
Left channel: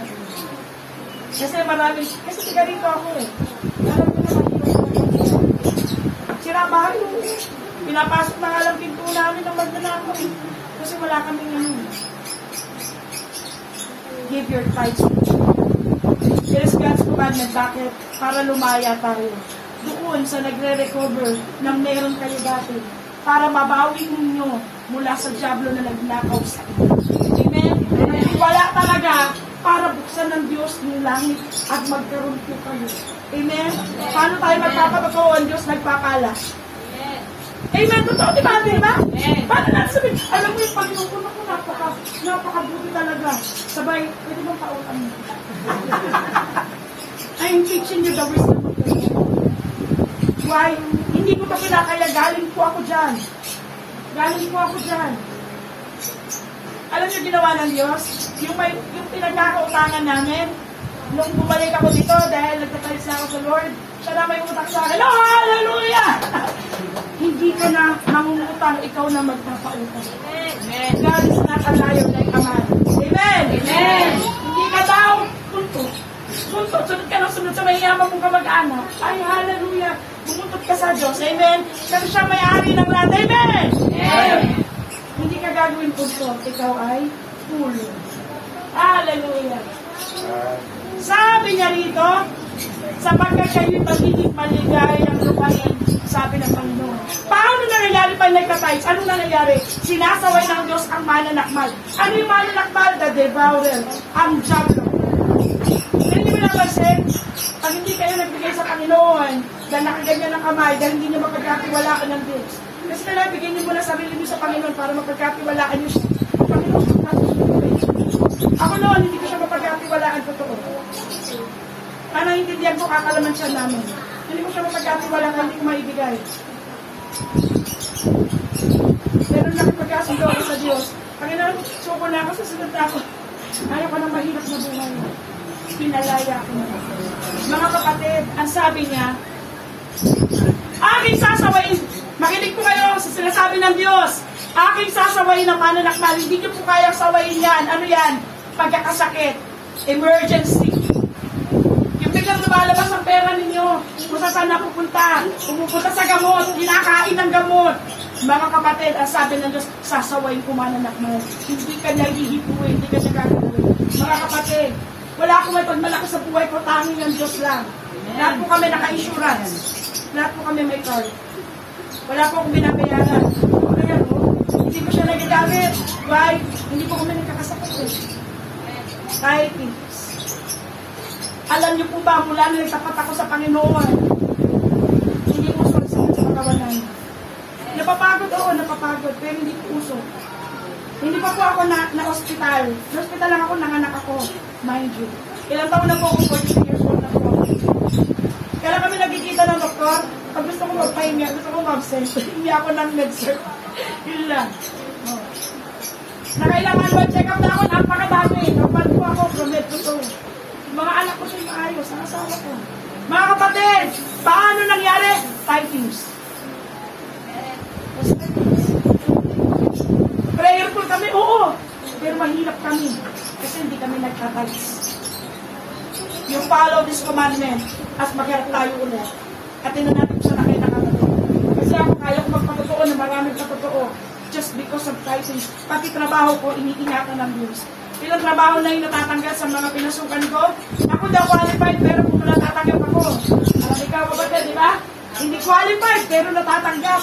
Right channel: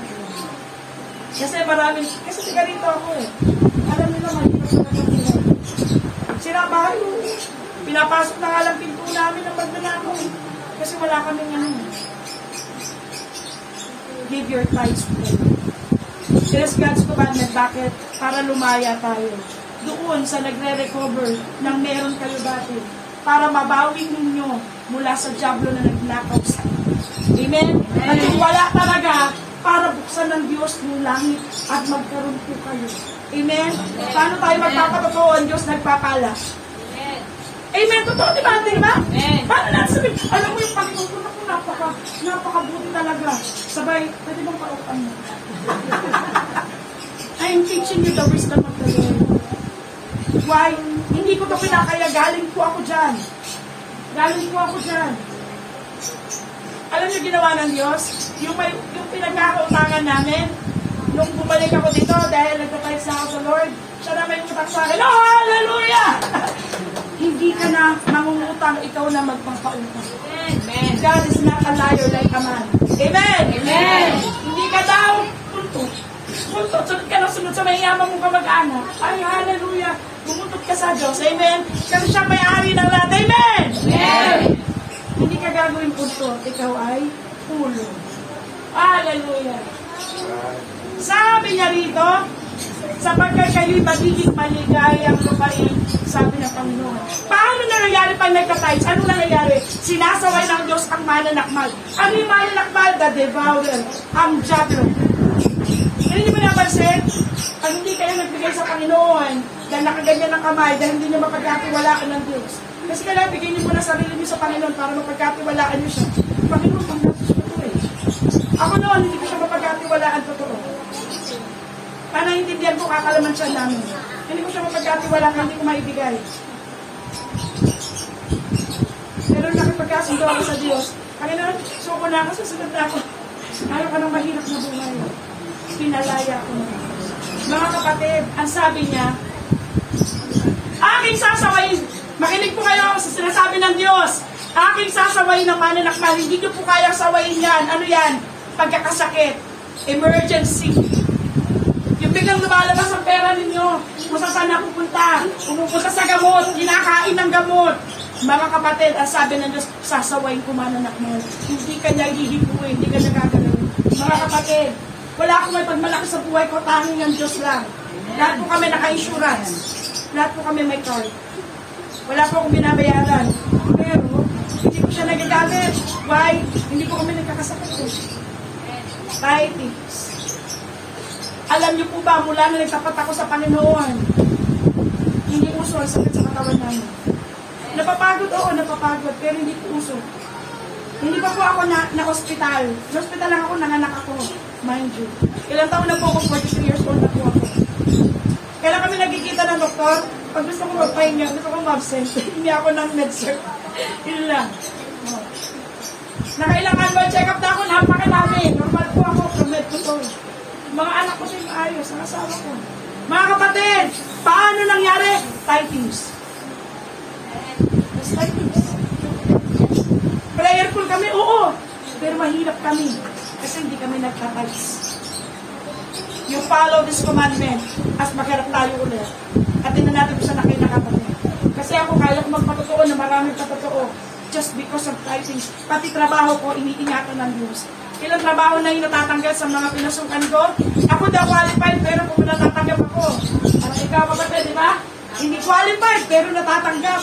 Kasi maraming, kasi tiga rito ako eh. Alam niyo naman, sinabahan mo. Pinapasok na nga lang pinto namin ng magnanako eh. Kasi wala kaming ano. Give your tithes. There's God's commandment. Bakit? Para lumaya tayo. Doon sa nagre-recover ng meron kayo dati. Para mabawi ninyo mula sa diablo na nagnakaw sa inyo. Amen? At wala talaga para buksan ng Diyos ng langit at magkaroon po kayo. Amen? Paano tayo magpapatotoo? Ang Diyos nagpapala. Amen? Totoo, di ba? Diba? Paano na sabihin? Alam mo yung Panginoon ko, napakabuti talaga. Sabay, pwede bang pautang mo? I'm teaching you the wisdom of the Lord. Why? Hindi ko ito kinakaya. Galing po ako dyan. Alam niyo ginawa ng Diyos? Yung pinagkakautangan namin, nung bumalik ako dito dahil nagtatalis na ako sa Lord, siya na may utang sa akin. Oh, hallelujah! Hindi ka na mangungutang, ikaw na magpapautang. Amen. God is not a liar like a man. Amen! Amen! Hindi ka daw puntot. Sunod ka na sunod sa mayaman mong kamag-anak. Ay, hallelujah! Bumuntot ka sa Diyos. Amen! Kasi siya may-ari ng lahat. Amen! Amen! Hindi ka gagawin puntot. Ikaw ay pulo. Hallelujah! Sabi niya rito, sapagkat kayo'y magiging maligayang lupain, sabi ng Panginoon. Paano nangyayari pag nagtatides? Ano nangyayari? Sinasaway ng Diyos ang mananakmal. Ano yung mananakmal? The devourer. Ang diablo. Hindi mo napansin? Pag hindi kayo nagbigay sa Panginoon, dahil nakaganyan ng kamay, dahil hindi niyo mapagkatiwalaan ng Diyos. Kasi kailangan bigyan niyo muna sarili niyo sa Panginoon para mapagkatiwalaan niyo siya. Panginoon, ako noon, hindi ko siya mapagkatiwalaan totoo. Kaya naiintindihan ko, kakalaman siya namin. Hindi ko siya mapagkatiwalaan, hindi ko maibigay. Pero nakipagkasundo ako sa Diyos. Panginoon, suko na ako, susunod na ako. Ayaw ka ng mahirap na buhay. Pinalaya ko na. Mga kapatid, ang sabi niya, aking sasawayin, makinig po kayo sa sinasabi ng Diyos, aking sasawayin ng mananakmal, hindi niyo po kayang sawayin yan. Ano yan? Pagkakasakit, emergency. Yung biglang lumalabas ang pera ninyo, kung saan na pupunta, pumupunta sa gamot, kinakain ng gamot. Mga kapatid, ang sabi ng Diyos, sasawayin ko mananakmal. Hindi ka niya hihipuin, hindi ka niya gagawin. Mga kapatid, wala akong may pagmalaki sa buhay ko, tanging ang Diyos lang. Lahat po kami naka-insurance. Lahat po kami may card. Wala po akong binabayaran. Pero, hindi ko siya nagagamit. Why? Hindi po kami nagkakasakit. Tithings. Alam niyo po ba, mula na nagtapat ako sa Panginoon, hindi mo sakit sa katawan namin. Napapagod, oo, napapagod, pero hindi puso. Hindi pa po ako na-hospital. Na-hospital lang ako, nanganak ako. Mind you. Ilang taon na po ako, 42 years old na po ako. Kailan kami nagkikita ng doktor? Pag gusto ko magpahinga, gusto ko mag-absent. Hindi ako ng med-surg. Yun lang. Oh. Nakailangan mo, check up na ako, napakadami. Normal po ako, from med to toe. Mga anak ko sa'yo maayos, ang asawa ko. Mga kapatid, paano nangyari? Typings. That's typings. Prayerful kami, oo. Pero mahirap kami. Kasi hindi kami nagtatalis. You follow this commandment as magharap tayo ulit. At hindi natin kung saan aking nakatotoo. Kasi ako kaya ko magpatotoo na maraming patotoo just because of typings. Pati trabaho ko, iniingatan ng Diyos. Ilang trabaho na yung natatanggal sa mga pinasukan ko. Ako daw qualified, pero kung natatanggap ako. Parang ikaw kapatid, di ba? Hindi qualified, pero natatanggap.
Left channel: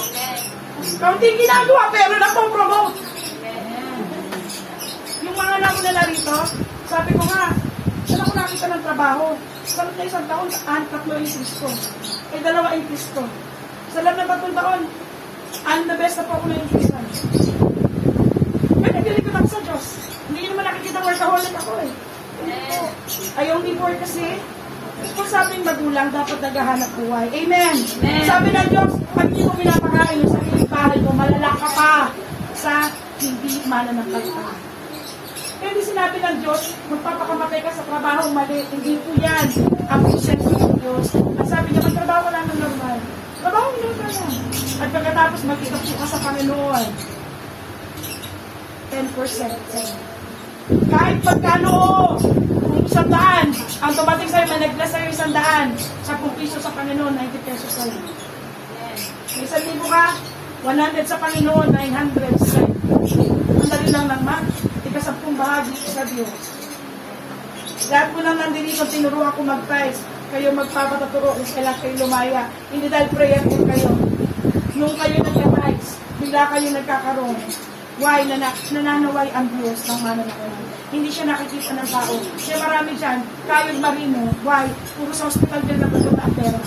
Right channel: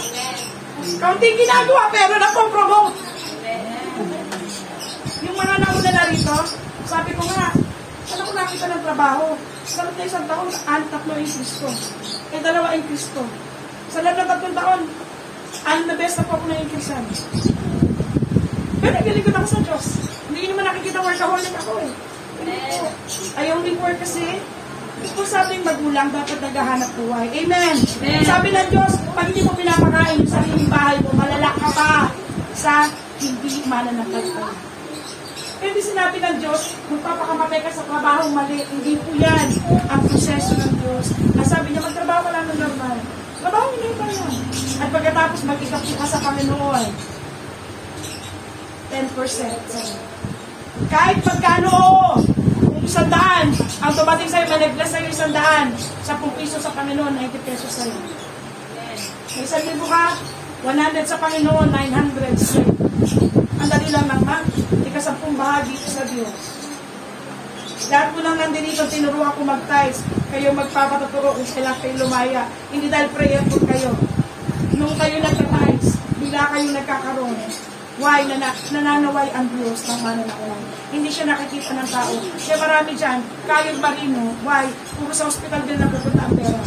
Kaunting ginagawa, pero napopromote. Yung mga nauna na rito, sabi ko nga, saan ako nakita ng trabaho? Sa loob na isang taon, tatlo increase ko. Eh, 2 increase ko. Sa loob na 3 taon, na best na po ako na-increasean. Pero nagaligid ako sa Diyos. Hindi naman nakikita workaholic ako eh. Hindi po. I only work kasi, kung sabi yung magulang, dapat naghahanap buhay. Amen. Sabi ng Diyos, pag hindi mo pinapakain sa sariling bahay mo, malalak ka pa sa hindi mananampal. Pero di sinabi ng Diyos, magpapakamatay ka sa trabaho mali. Hindi po yan ang proseso ng Diyos. Nasabi na magtrabaho wala ng normal. Trabaho ng normal yan. At pagkatapos mag-ikapit ka sa Panginoon, 10%. Kahit pagkano, kung 100, ang tumating sa'yo, may nag-bless sa'yo 100, 10 piso sa Panginoon, 90 pesos sa'yo. May 1,000 ka, 100 sa Panginoon, 900 sa'yo. Ang dali lang naman, ika-10 bahagi sa Diyos. Lahat ko lang nandito, tinuruan ko mag-tithes. Kayo magpapatuturo, kailangan kayo lumaya. Hindi dahil prayerful kayo. Nung kayo nagka-tithes, bigla kayo nagkakaroon. Why? Nananaway ang Diyos ng mananawalan. Hindi siya nakikita ng tao. Kaya marami dyan, kayod marino. Why? Puro sa hospital din na pupunta ang pera.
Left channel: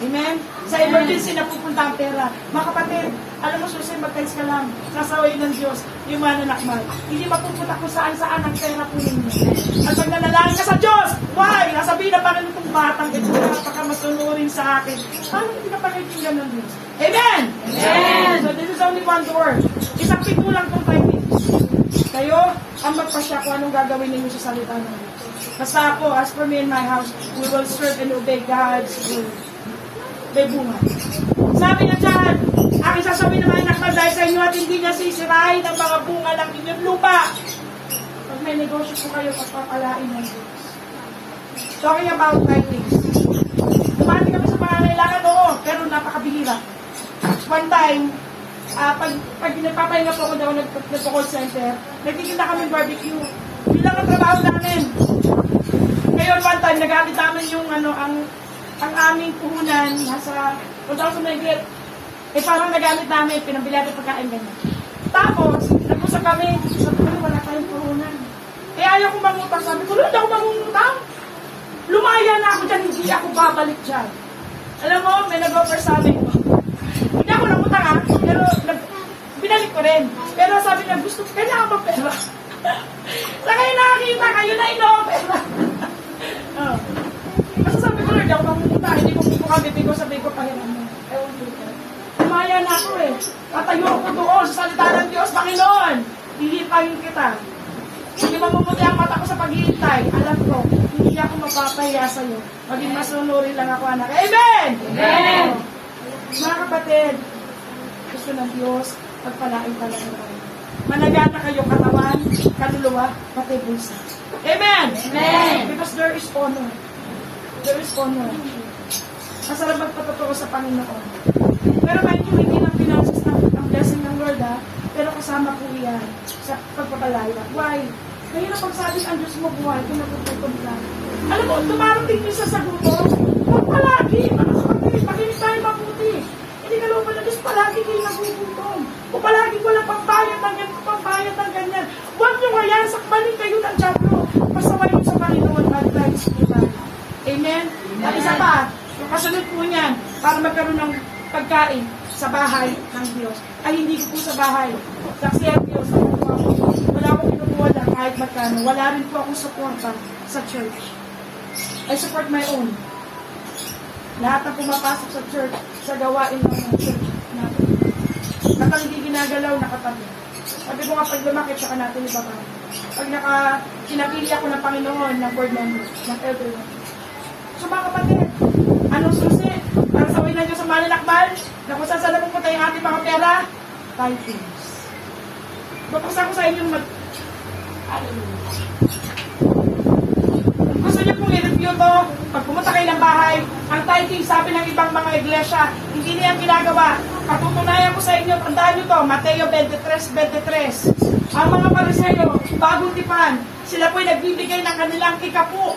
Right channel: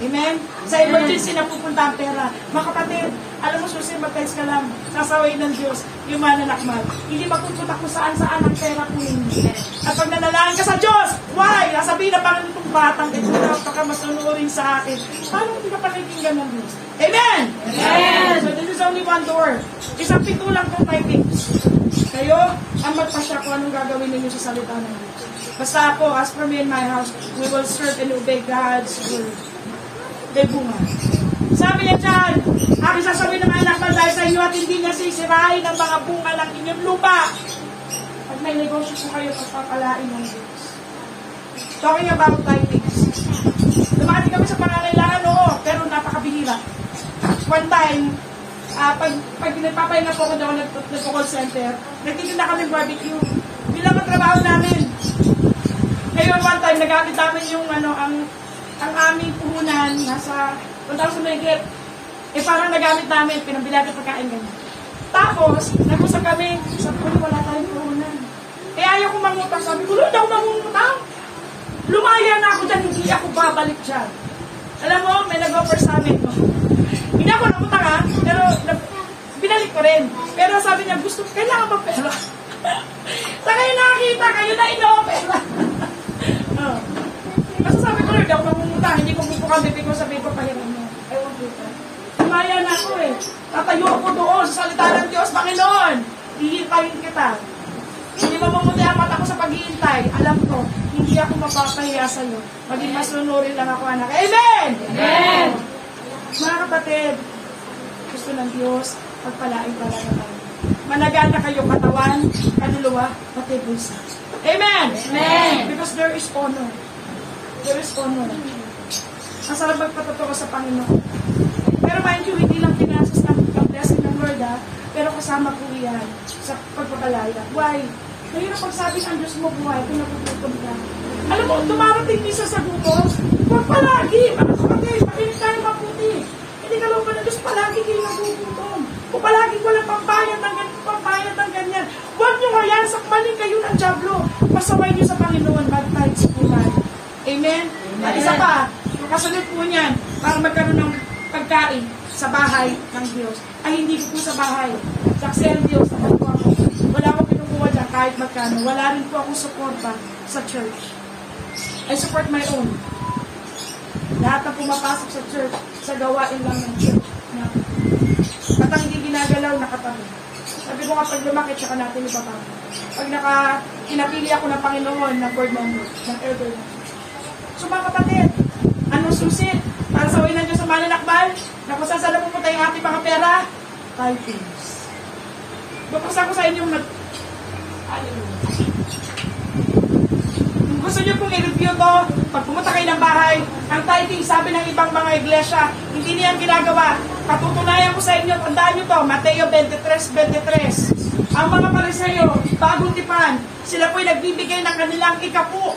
Amen? Sa emergency na pupunta ang pera. Mga kapatid, alam mo, susi, mag-tithes ka lang. Kasaway ng Diyos, yung mananakmal. Hindi mapupunta kung saan-saan ang pera po ninyo. At pag nanalangin ka sa Diyos, why? Nasabihin na parang itong batang ito, napaka-masunurin sa akin. Paano hindi ka pakikinggan ng Diyos? Amen! Amen! So this is only one door. Isang pigulang kong typings. Kayo, ang magpasya kung anong gagawin ninyo sa salita ng Diyos. Basta ako, as for me and my house, we will serve and obey God's word. May bunga. Sabi niya dyan, aking sasabihin ng anak na dahil sa inyo at hindi niya sisirahin ang mga bunga ng inyong lupa. Pag may negosyo po kayo, pagpapalain ng Diyos. Talking about typings. Dumati kami sa pangangailangan, oo, pero napakabihira. One time, pag nagpapahinga po ako daw nagpo-call center, nagtitinda kami barbecue. Bilang ang trabaho namin. Ngayon, one time, nagamit namin yung ang aming puhunan, nasa 1,000 ringgit. Eh, parang nagamit namin, pinabili natin pagkain ganyan. Tapos, nag-usap kami, sabi ko, wala tayong puhunan. Eh, ayaw ko mangutang. Sabi ko, hindi ako mangutang. Lumaya na ako dyan, hindi ako babalik dyan. Alam mo, may nag-offer sa amin ko. Hindi ako nangutang ha, pero binalik ko rin. Pero sabi niya, gusto, kailangan mo pera. Sa kayo nakakita, kayo na ino-offer. Kasi sabi ko, hindi ako mangutang, hindi ko pupukan, hindi ko sabihin ko pahiran mo. Ewan ko. Lumaya na ako eh. Tatayo ako doon sa salita ng Diyos, Panginoon. Hihintayin kita. Hindi mamumuti ang mata ko sa paghihintay. Alam ko, hindi ako mapapahiya sa iyo. Maging masunurin lang ako, anak. Amen! Amen! Mga kapatid, gusto ng Diyos, pagpalain pala naman. Managana kayo katawan, kaluluwa, pati bulsa. Amen! Amen! Because there is honor. There is honor. Masarap magpatotoo sa Panginoon. Pero mind you, hindi lang finances ng ang blessing ng Lord, ha? Pero kasama po yan sa pagpapalaya. Why? Ngayon ang pagsabi ang Diyos mo buhay kung nagugutom ka. Alam mo, dumarating isa sa gutom, huwag palagi. Ano kapatid, makinig tayo mabuti. Hindi ka lang ng Diyos palagi kayo nagugutom. O palagi walang pambayad ng ganyan, pambayad ng ganyan. Huwag nyo kaya, sakmanin kayo ng Diablo. Pasaway nyo sa Panginoon, mag-tides po tayo. Amen? At isa pa, yung kasunod po niyan, para magkaroon ng pagkain sa bahay ng Diyos. Ay hindi po sa bahay. Saksi ang Diyos. Wala akong pinukuha dyan kahit magkano. Wala rin po akong suporta sa church. I support my own. Lahat na pumapasok sa church, sa gawain lang ng church. Kapag hindi ginagalaw, nakatabi. Sabi ko kapag lumakit, saka natin iba pa. Pag kinapili ako ng Panginoon, ng board member, ng elder. So mga kapatid, anong susi? Para sa uwi ng Diyos sa malinakbal, na kung saan na pupunta yung ating mga pera, tithes. Bapasa ko sa inyong Kung gusto niyo pong i-review to, pag pumunta kayo ng bahay, ang tithing, sabi ng ibang mga iglesia, hindi niyan ginagawa. Katutunayan ko sa inyo, tandaan niyo to, Mateo 23:23. Ang mga Pariseyo, bagong tipan, sila po'y nagbibigay ng kanilang ikapu.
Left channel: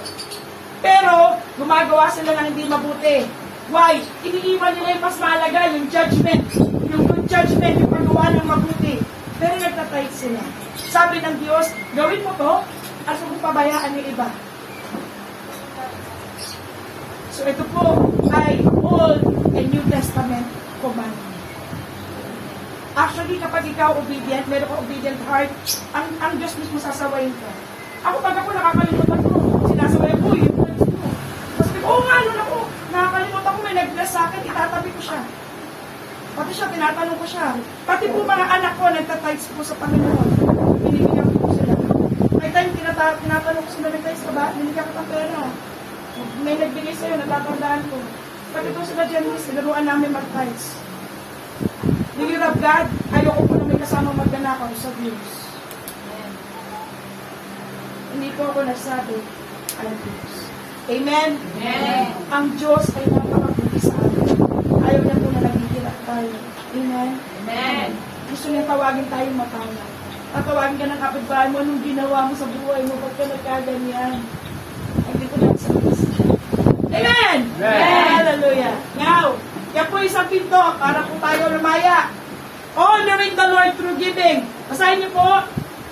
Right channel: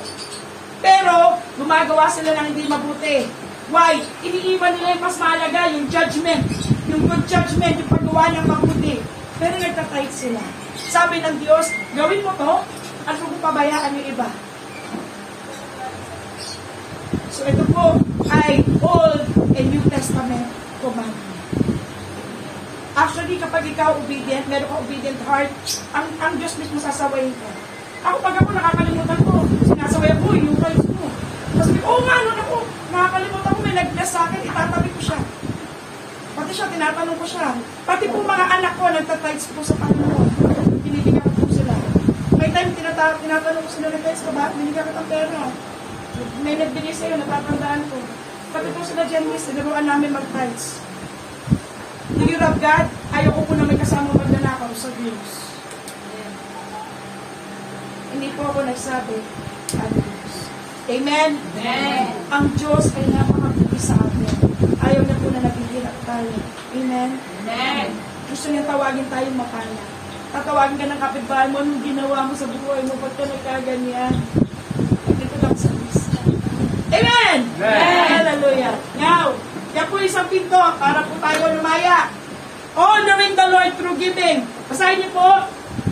Pero, gumagawa sila ng hindi mabuti. Why? Iniiwan nila yung mas mahalaga, yung judgment. Yung good judgment, yung paggawa ng mabuti. Pero nagtatithe sila. Sabi ng Diyos, gawin mo to, at kung pabayaan yung iba. So ito po ay Old and New Testament commandment. Actually, kapag ikaw obedient, meron ka obedient heart, ang Diyos mismo sasawayin ko. Ako pag ako nakakalimutan ko, sinasawayan ko yung wife ko. Kasi, nga, ako, nakakalimutan ko, may nag-bless sa akin, itatabi ko siya. Pati siya, tinatanong ko siya. Pati po mga anak ko, nagtatides po sa Panginoon. Binibigyan ko po sila. May time, tinatanong ko sila, nag-tides ka ba? Binigyan ka ng pera. May nagbigay sa'yo, natatandaan ko. Pati po sila dyan, sinaruan namin mag-tides. The will of God, ayoko po na may kasama magnanakaw sa Diyos. Hindi po ako nagsabi, ang Diyos. Amen? Amen. Ang Diyos ay napakabuti sa atin. Ayaw niya po na naghihirap tayo. Amen? Amen. Gusto niya tawagin tayong mapala. Tatawagin ka ng kapitbahay mo nung ginawa mo sa buhay mo, ba't ka nagkaganyan? Hindi ko lang sa Diyos. Amen! Amen! Hallelujah! Now, yan po isang pinto para po tayo lumaya. Honoring the Lord through giving. Basahin niyo po.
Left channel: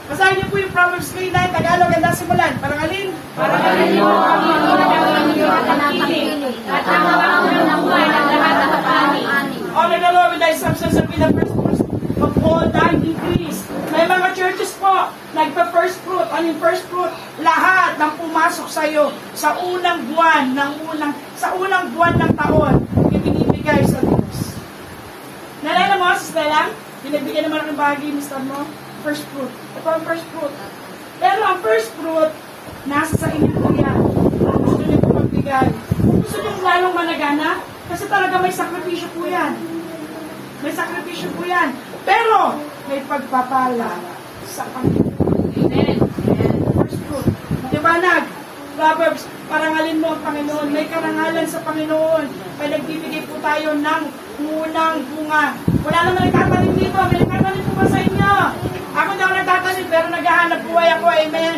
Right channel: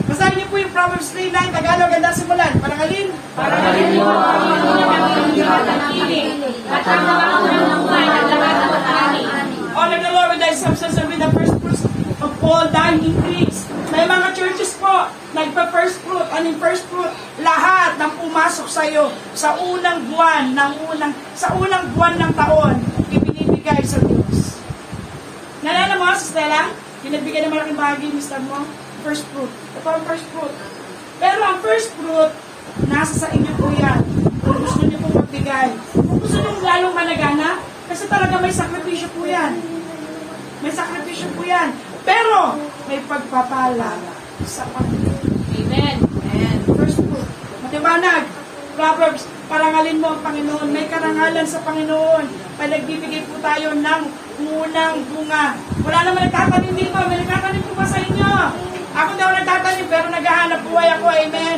Basahin niyo po yung Proverbs 3:9, Tagalog, ganda simulan. Parang alin? Parang alin mo ang hindi ka nakikinig. At ang nawawalan ng buhay ng lahat ng tatani. Honor the Lord with thy substance and with the first fruits of all thine increase. May mga churches po, nagpa-first fruit. Ano yung first fruit? Lahat ng pumasok sa iyo sa unang buwan ng taon, ibinibigay sa Diyos. Nalala mo, Sis Stella? Pinagbigay naman ang bahagi, Mr. mo? First fruit. Ito ang first fruit. Pero ang first fruit, nasa sa inyo po yan. Kung gusto niyo po magbigay. Kung gusto niyo lalong managana, kasi talaga may sakripisyo po yan. May sakripisyo po yan. Pero, may pagpapala sa Panginoon. Amen. First fruit. Matiwanag. Proverbs, parangalin mo ang Panginoon. May karangalan sa Panginoon. Panagbibigay po tayo ng unang bunga. Wala naman nagtatanim dito. May nagtatanim po ba sa inyo? Ako na ako nagtatanim, pero naghahanap buhay ako. Amen.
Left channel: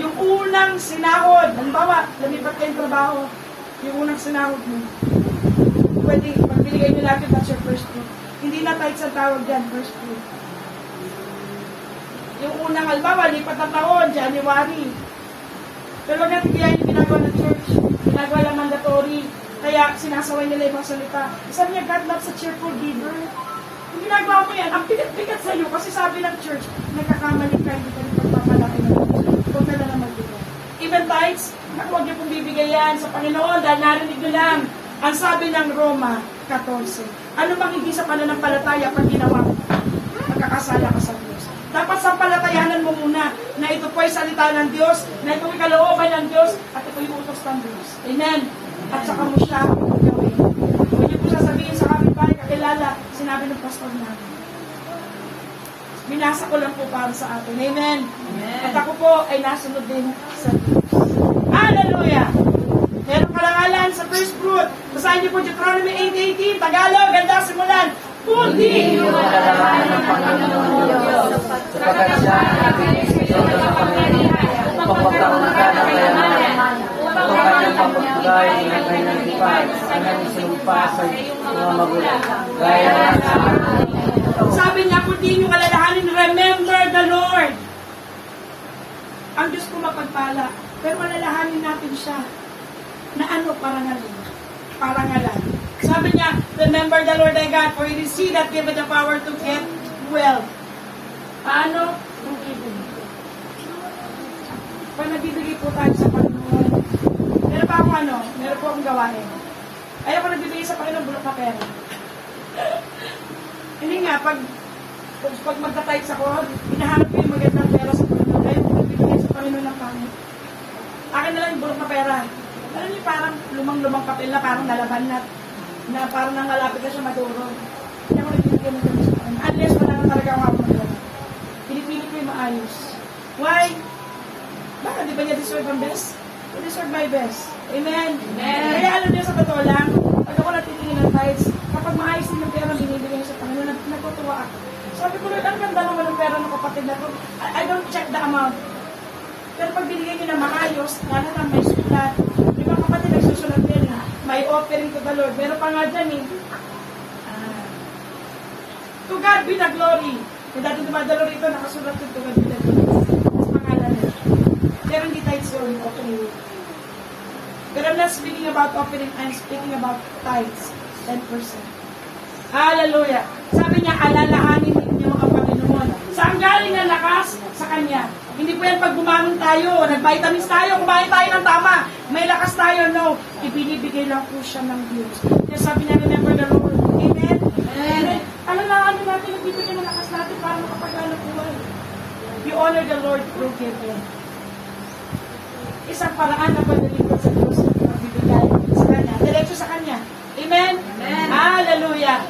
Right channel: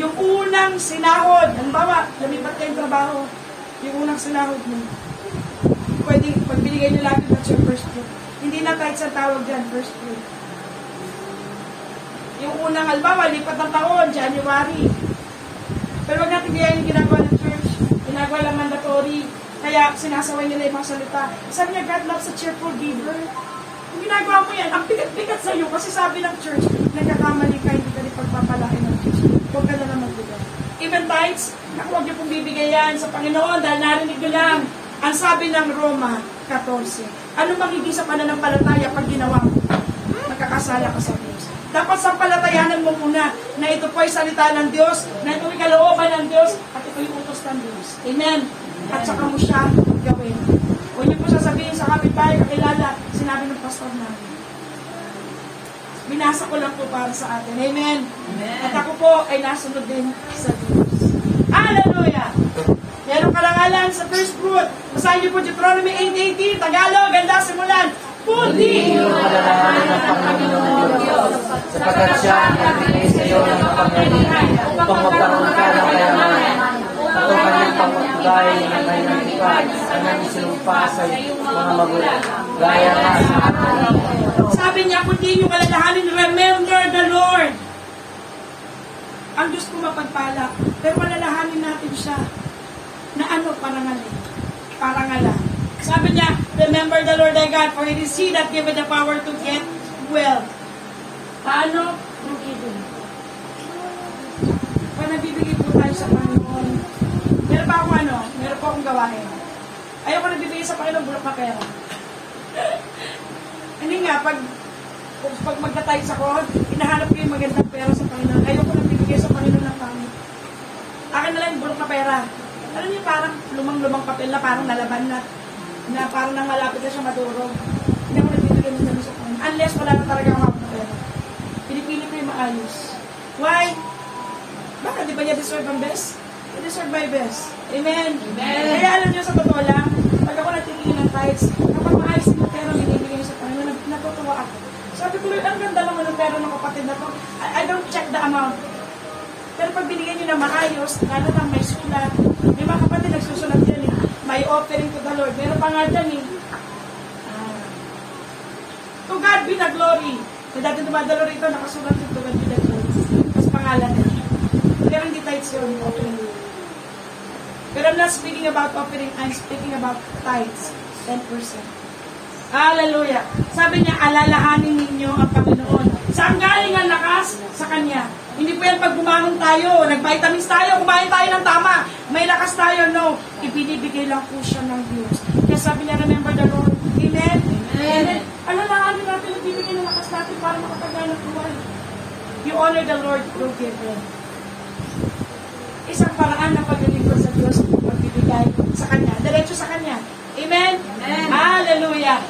Yung unang sinahod. Halimbawa, lumipat kayong trabaho. Yung unang sinahod mo. Pwede, pag binigay nyo lahat yung first fruit. Hindi na kahit sa tawag dyan, first fruit. Yung unang, halimbawa, lipat na taon, January. Pero wag natin diyan yung ginagawa ng church. Ginagawa yung mandatory. Kaya sinasaway nila yung mga salita. Sabi niya, God loves a cheerful giver. Kung ginagawa mo yan, ang bigat-bigat sa iyo. Kasi sabi ng church, nagkakamali ka, hindi ka rin pagpapalain ng church. Huwag ka na naman bigay. Even tithes, huwag niyo pong bibigay yan sa Panginoon dahil narinig nyo lang. Ang sabi ng Roma 14, ano magiging sa pananampalataya pag ginawa mo? Magkakasala ka sa Diyos. Dapat sampalatayanan mo muna na ito po ay salita ng Diyos, na ito ay kalooban ng Diyos, at ito ay utos ng Diyos. Amen. At saka mo siya gawin. Huwag niyo po sasabihin sa kapitbahay, kakilala, sinabi ng pastor namin. Binasa ko lang po para sa atin. Amen. At ako po ay nasunod din sa Diyos. Hallelujah! Meron karangalan sa first fruit. Basahin niyo po Deuteronomy 8:18, Tagalog, ganda simulan. Pundi! Sapagkat siya ang nagbigay sa iyo ng kapangyarihan upang magkaroon upang kanyang pagpagbigay ng kanyang tipan kanyang isinumpa sa mga magulang. Gaya na sa araw. Sabi niya, kundi yung alalahanin, remember the Lord. Ang Diyos ko mapagpala. Pero alalahanin natin siya na ano parangalan. Parangalan. Sabi niya, remember the Lord thy God, for it is He that giveth the power to get wealth. Paano? Yung ibig. Pag nagbibigay po tayo sa Panginoon, meron pa akong meron po akong gawain. Ayaw ko nagbibigay sa Panginoon, bulok na pera. Hindi nga, pag magta-tithes ako, hinahanap ko yung magandang pera sa Panginoon. Ayaw ko nagbibigay sa Panginoon ng pangit. Akin na lang bulok na pera. Alam niyo, parang lumang-lumang papel na parang nalaban na parang nang malapit na siya madurog. Hindi ako nagbibigay ng gano'n sa Panginoon. Unless wala na talaga ang hapon na pera. Pinipili ko yung maayos. Why? Bakit? Di ba niya deserve ang best? I deserve my best. Amen? Amen. Kaya alam niyo sa totoo lang, pag ako natitingin ng tithes, kapag maayos din yung pera binibigay sa Panginoon, natutuwa ako. Sabi ko, Lord, ang ganda naman ng pera ng kapatid na ko. I don't check the amount. Pero pag binigyan nyo na maayos, lalo na may sulat. May mga kapatid nagsusulat din, may offering to the Lord. Pero pa nga dyan to God be the glory. Kung dati dumadalo rito, nakasulat to God be the glory. Mas pangalan na. Pero hindi tithes yun, offering. Pero I'm not speaking about offering, I'm speaking about tithes, 10%. Hallelujah. Sabi niya, alalahanin ninyo ang Panginoon. Saan galing ang lakas? Sa Kanya. Hindi po yan pag bumangon tayo, nag-vitamins tayo, kumain tayo ng tama, may lakas tayo, no. Ibinibigay lang po siya ng Diyos. Kaya sabi niya, remember the Lord. Amen? Amen. Ano lang natin, nagbibigay ng lakas natin para makapaghanap buhay. You honor the Lord through giving. Isang paraan na paglilingkod sa Diyos at pagbibigay sa Kanya. Diretso sa Kanya. Amen? Amen. Hallelujah.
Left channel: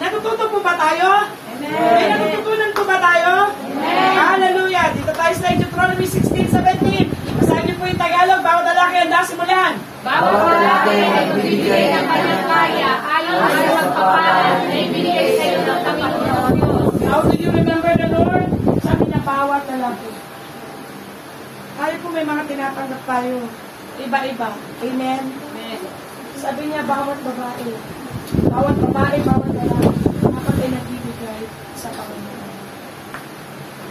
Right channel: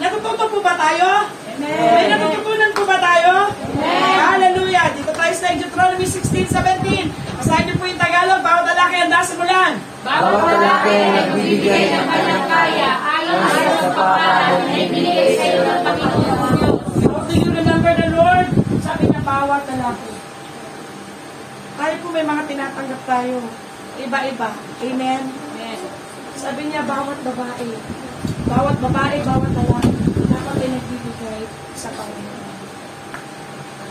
Natututo po ba tayo? Amen. May natututunan po ba tayo? Amen. Hallelujah. Dito tayo sa Deuteronomy 16:17. Basahin niyo po yung Tagalog. Bawat lalaki handa simulan. Bawat lalaki ay nagbibigay ng kanyang kaya ayon sa pagpapala na ibinigay sa iyo ng Panginoon. How do you remember the Lord? Sabi niya, bawat lalaki. Tayo po may mga tinatanggap tayo. Iba-iba. Amen? Amen. Sabi niya, bawat babae, bawat lalaki, dapat ay nagbibigay sa Panginoon.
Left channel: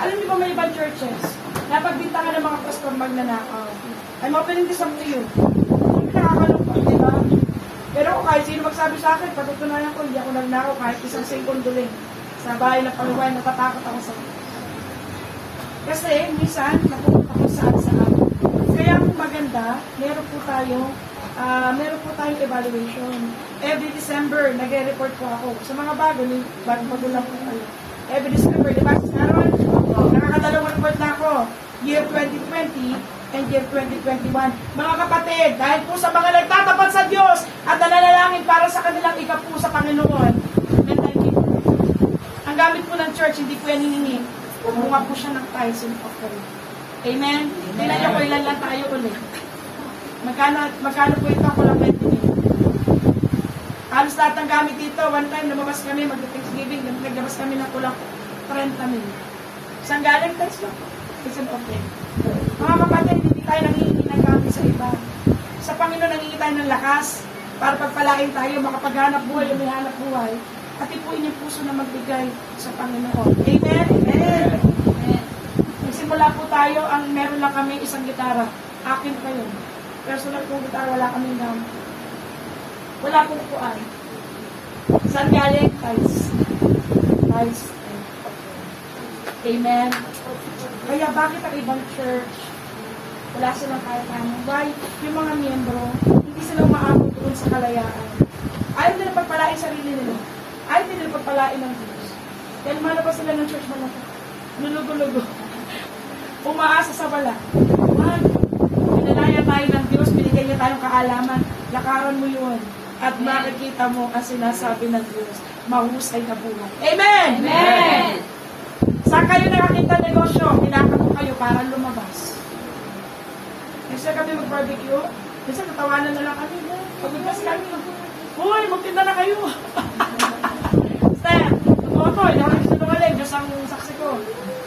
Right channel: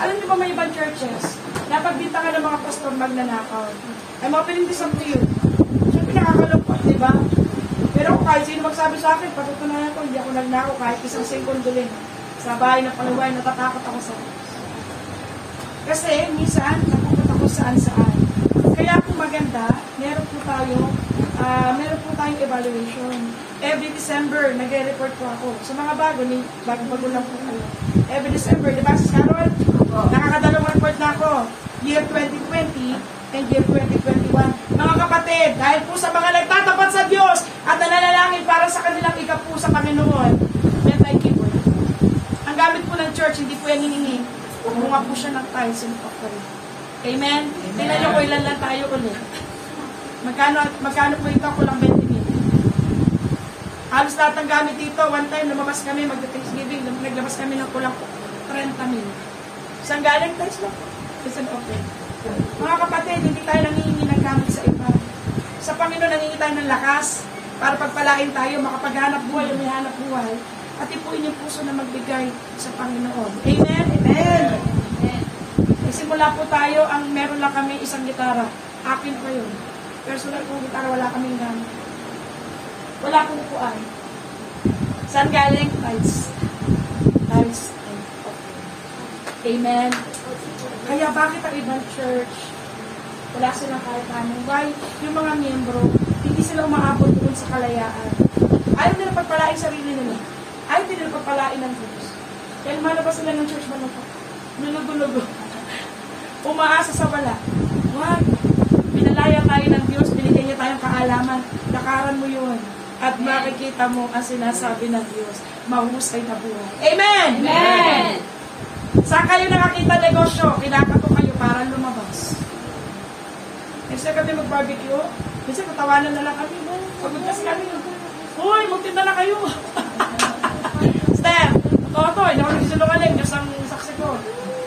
Alam niyo ba may ibang churches, napagbintangan ng mga pastor magnanakaw. I'm opening this up to you. Siyempre nakakalungkot, di ba? Pero kahit sino magsabi sa akin, patutunayan ko, hindi ako nagnakaw kahit isang segundo din. Sa bahay na paluway, natatakot ako sa kasi minsan, napupunta ko saan. Kaya po maganda, meron po tayong evaluation. Every December, nagre-report po ako. Sa mga bago lang po kayo. Every December, di ba, si Sharon? Nakakadalawang report na ako. Year 2020 and year 2021. Mga kapatid, dahil po sa mga nagtatapat sa Diyos at nananalangin para sa kanilang ikapu sa Panginoon, yan tayo keep. Ang gamit po ng church, hindi po yan hinihingi. Kumuha po siya ng tithes and offering. Amen? Tingnan niyo po ilan lang tayo ulit. Magkano po ito ako lang 20 million. Halos lahat ng gamit dito, one time lumabas kami, mag-Thanksgiving, naglabas kami ng kulang 30 million. Saan galing tithes lang? Isang offering. Mga kapatid, hindi tayo nangingi ng gamit sa iba. Sa Panginoon, nangingi tayo ng lakas para pagpalain tayo, makapaghanap buhay o may hanap buhay. At ipuin yung puso na magbigay sa Panginoon. Amen? Amen. Nagsimula po tayo, meron lang kami isang gitara. Akin pa yun. Personal kong gitara, wala kaming gamit. Wala pong upuan. Saan galing? Tithes. Tithes and offering. Amen. Kaya bakit ang ibang church, wala silang kahit ano? Why? Yung mga miyembro, hindi sila umaabot doon sa kalayaan. Ayaw nila pagpalain sarili nila. Ayaw nila pagpalain ng Diyos. Kaya lumalabas sila ng church manaka. Lulugo-lugo. Umaasa sa wala. Wag. Pinalaya tayo ng Diyos, binigyan niya tayong kaalaman. Lakaran mo yun. At makikita mo ang sinasabi ng Diyos. Mahusay na buhay. Amen! Amen! Saan kayo nakakita negosyo? Kinakato kayo para lumabas. Kasi kami mag-barbecue, minsan tatawanan na lang kami. Pagod kasi kami. Hoy, magtinda na kayo. Steph, totoo, hindi ako nagsinungaling. Diyos ang saksi ko.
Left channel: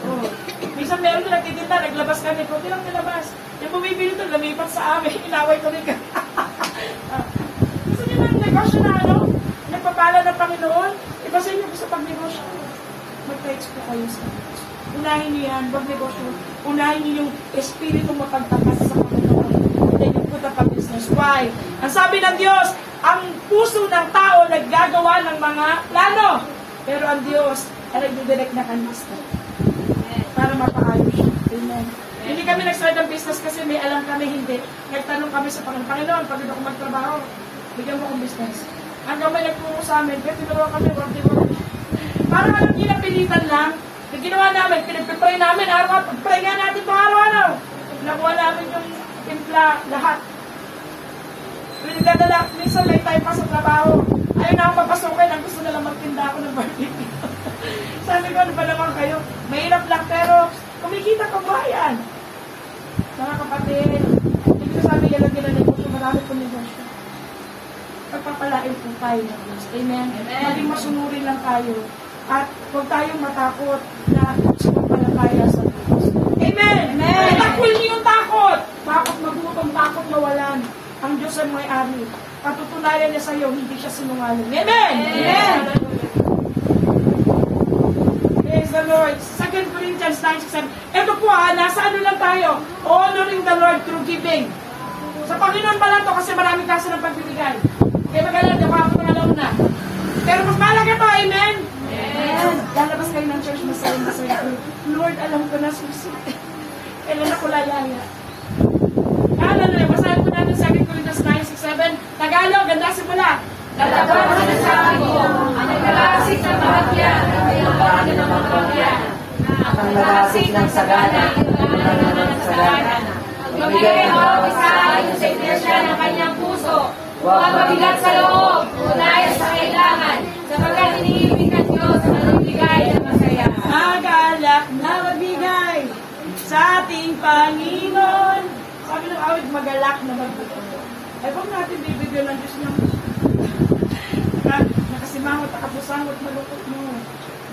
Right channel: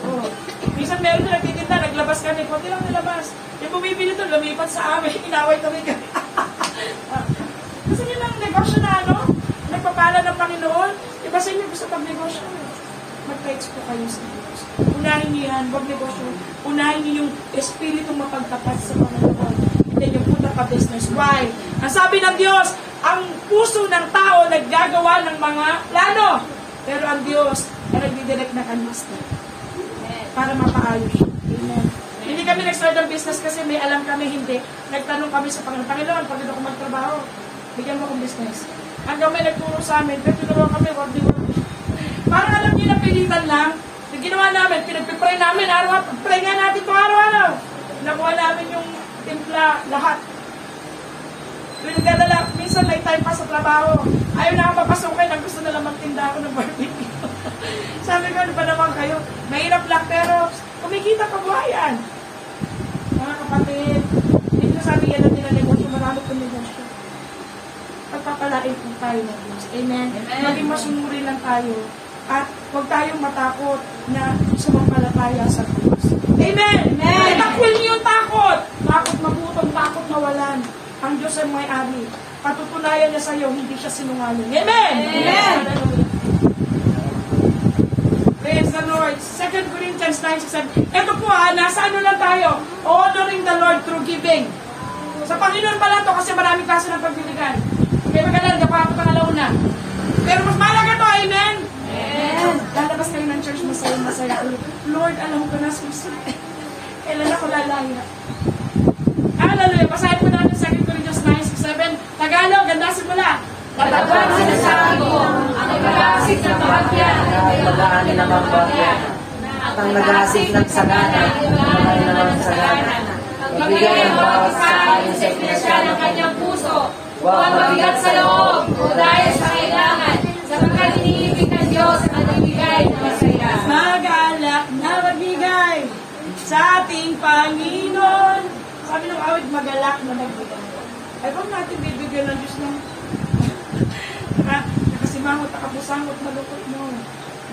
Oh. Minsan meron din nagtitinda, naglabas kami. Kunti lang nilabas. Yung bumibili doon, lumipat sa amin. Inaway kami ka. Kasi nila ang negosyo na nagpapala ng Panginoon. Kasi hindi gusto pag-negosyo. Mag-text po kayo sa Diyos. Unahin niyo yan, wag negosyo. Unahin niyo yung espiritu mapagtapat sa Panginoon. Then you put up a business. Why? Ang sabi ng Diyos, Ang puso ng tao naggagawa ng mga plano. Pero ang Diyos ang nagdidirect na kanista para mapaayos siya. Amen. Hindi kami nag-start ng business kasi may alam kami, hindi. Nagtanong kami sa Panginoon, pag ito ko magtrabaho, bigyan mo akong business. Hanggang may nagturo sa amin, pero tunawa kami, wag di ba? Parang alam niyo, napilitan lang. Yung ginawa namin, pinagpipray namin, araw-araw, pray nga natin ito araw-araw. Nakuha namin yung timpla, lahat. Pinagdadala, minsan may time pa sa trabaho. Ayaw na akong papasukin, ang gusto na lang magtinda ako ng barbecue. Sabi ko, ano ba naman kayo? Mahirap lang, pero kumikita pa buhay yan. Mga kapatid, hindi ko sabi yan ang ginanegosyo, marami po negosyo. Pagpapalain po tayo ng Diyos. Amen? Maging masunurin lang tayo. At huwag tayong matakot na sumampalataya sa Diyos. Amen! Amen! Itakul niyo yung takot! Takot magutom, takot mawalan. Ang Diyos ay may-ari. Patutunayan niya sa iyo, hindi siya sinungaling. Amen! Amen! Praise the Lord. 2 Corinthians 9:7. Ito po nasa ano lang tayo? Honoring the Lord through giving. Sa Panginoon pala to kasi maraming kaso ng pagbibigay. Kaya magalang, dapat ang pangalauna. Pero mas malaga to, amen? Amen. Lalabas kayo ng church, masaya. Lord, alam ko na susunod. Kailan ako lalaya? Hallelujah. Basahin po natin 2 Corinthians 9:6-7. Tagalog, ganda simula. Talagang sinasabi ko, ang nag-aasik ng bahagyan, ay nag-aasik ng bahagyan. Ang nag-aasik ng sagana, ang nag-aasik ng sagana. Magbigay ang bawat isa ayon sa pinasya ng kanyang puso. Huwag mabigat sa loob o dahil sa kailangan, sapagkat iniibig ng Diyos ang nagbigay na masaya. Magalak na magbigay sa ating Panginoon. Sabi ng awit, magalak na magbigay. Ay, kung natin bibigyan ng Diyos lang. Nakasimangot, nakapusangot, malukot mo.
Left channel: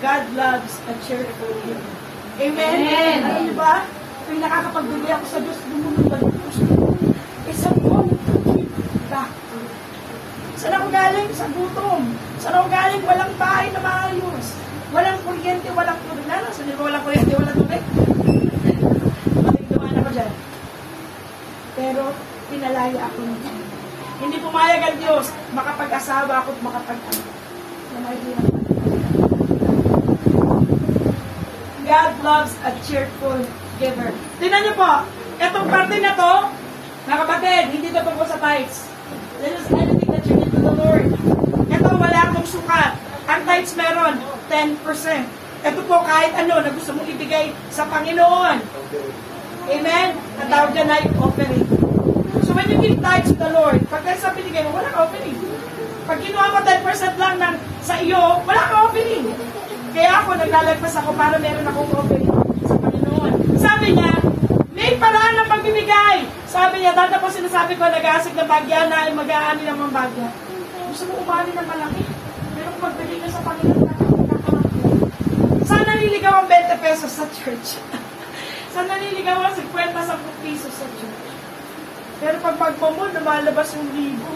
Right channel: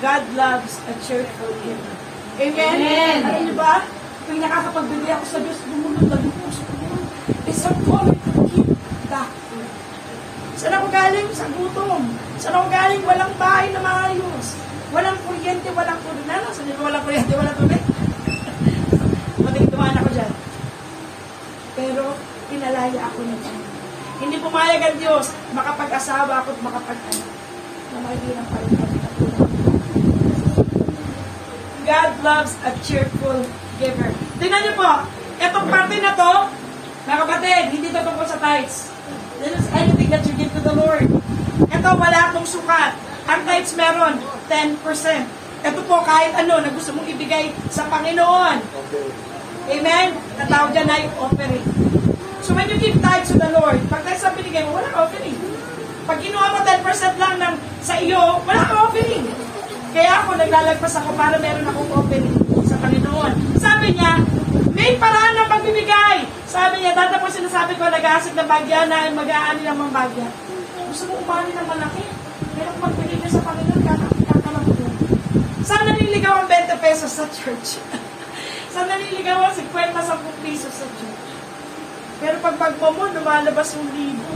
God loves a cheerful giver. Amen? Amen. Amen. Diba? Kung nakakapagbili ako sa Diyos, lumunod na lupos ko. Isang calling to give back. Saan ako galing? Sa gutom. Saan ako galing? Walang bahay na maayos. Walang kuryente, walang tubig. Saan nyo walang kuryente, walang tubig? Matigduhan ako dyan. Pero, pinalaya ako ng Diyos. Hindi pumayag ang Diyos, makapag-asawa ako at makapag-anak. Na mahirap ang palitan. God loves a cheerful giver. Tingnan niyo po, itong parte na to, na kapatid, hindi ito tungkol sa tithes. This is anything that you give to the Lord. Ito, wala akong sukat. Ang tithes meron, 10%. Ito po, kahit ano na gusto mong ibigay sa Panginoon. Amen? Natawag dyan ay offering. So when you give tithes to the Lord, pag tayo sa binigay mo, wala offering. Pag ginawa mo 10% lang sa iyo, wala kang offering. Kaya ako, naglalagpas ako para meron akong offering sa Panginoon. Sabi niya, may paraan ng pagbibigay. Sabi niya, dati po sinasabi ko, nag-aasik ng bagya na mag-aani ng mga bagya. Gusto mo umani ng malaki? Pero kung magbili niya sa Panginoon, kakalaki din. Saan naliligaw ang 20 pesos sa church? Saan naliligaw ang 50-10 pesos sa church? Pero pag magpo mo, lumalabas yung libo.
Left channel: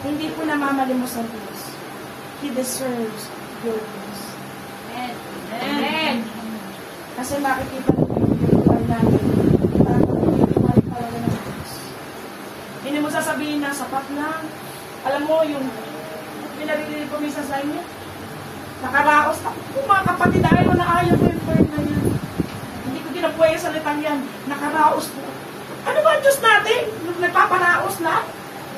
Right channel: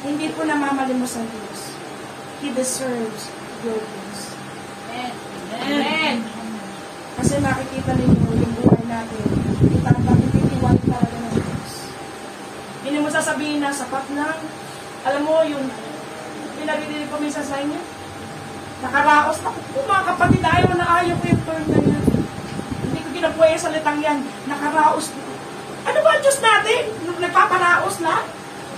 Hindi po namamalimos ang Diyos. He deserves your praise. Amen. Kasi makikita ninyo yung buhay natin. Tatapititiwala talaga ng Diyos. Hindi mo sasabihin na sapat lang. Alam mo, yung pinaririnig ko minsan sa inyo, nakaraos na. Kung mga kapatid, ayaw na ayaw ko yung word na yan. Hindi ko ginabuhay sa salitang yan. Nakaraos po. Ano ba ang Diyos natin? Nagpaparaos na?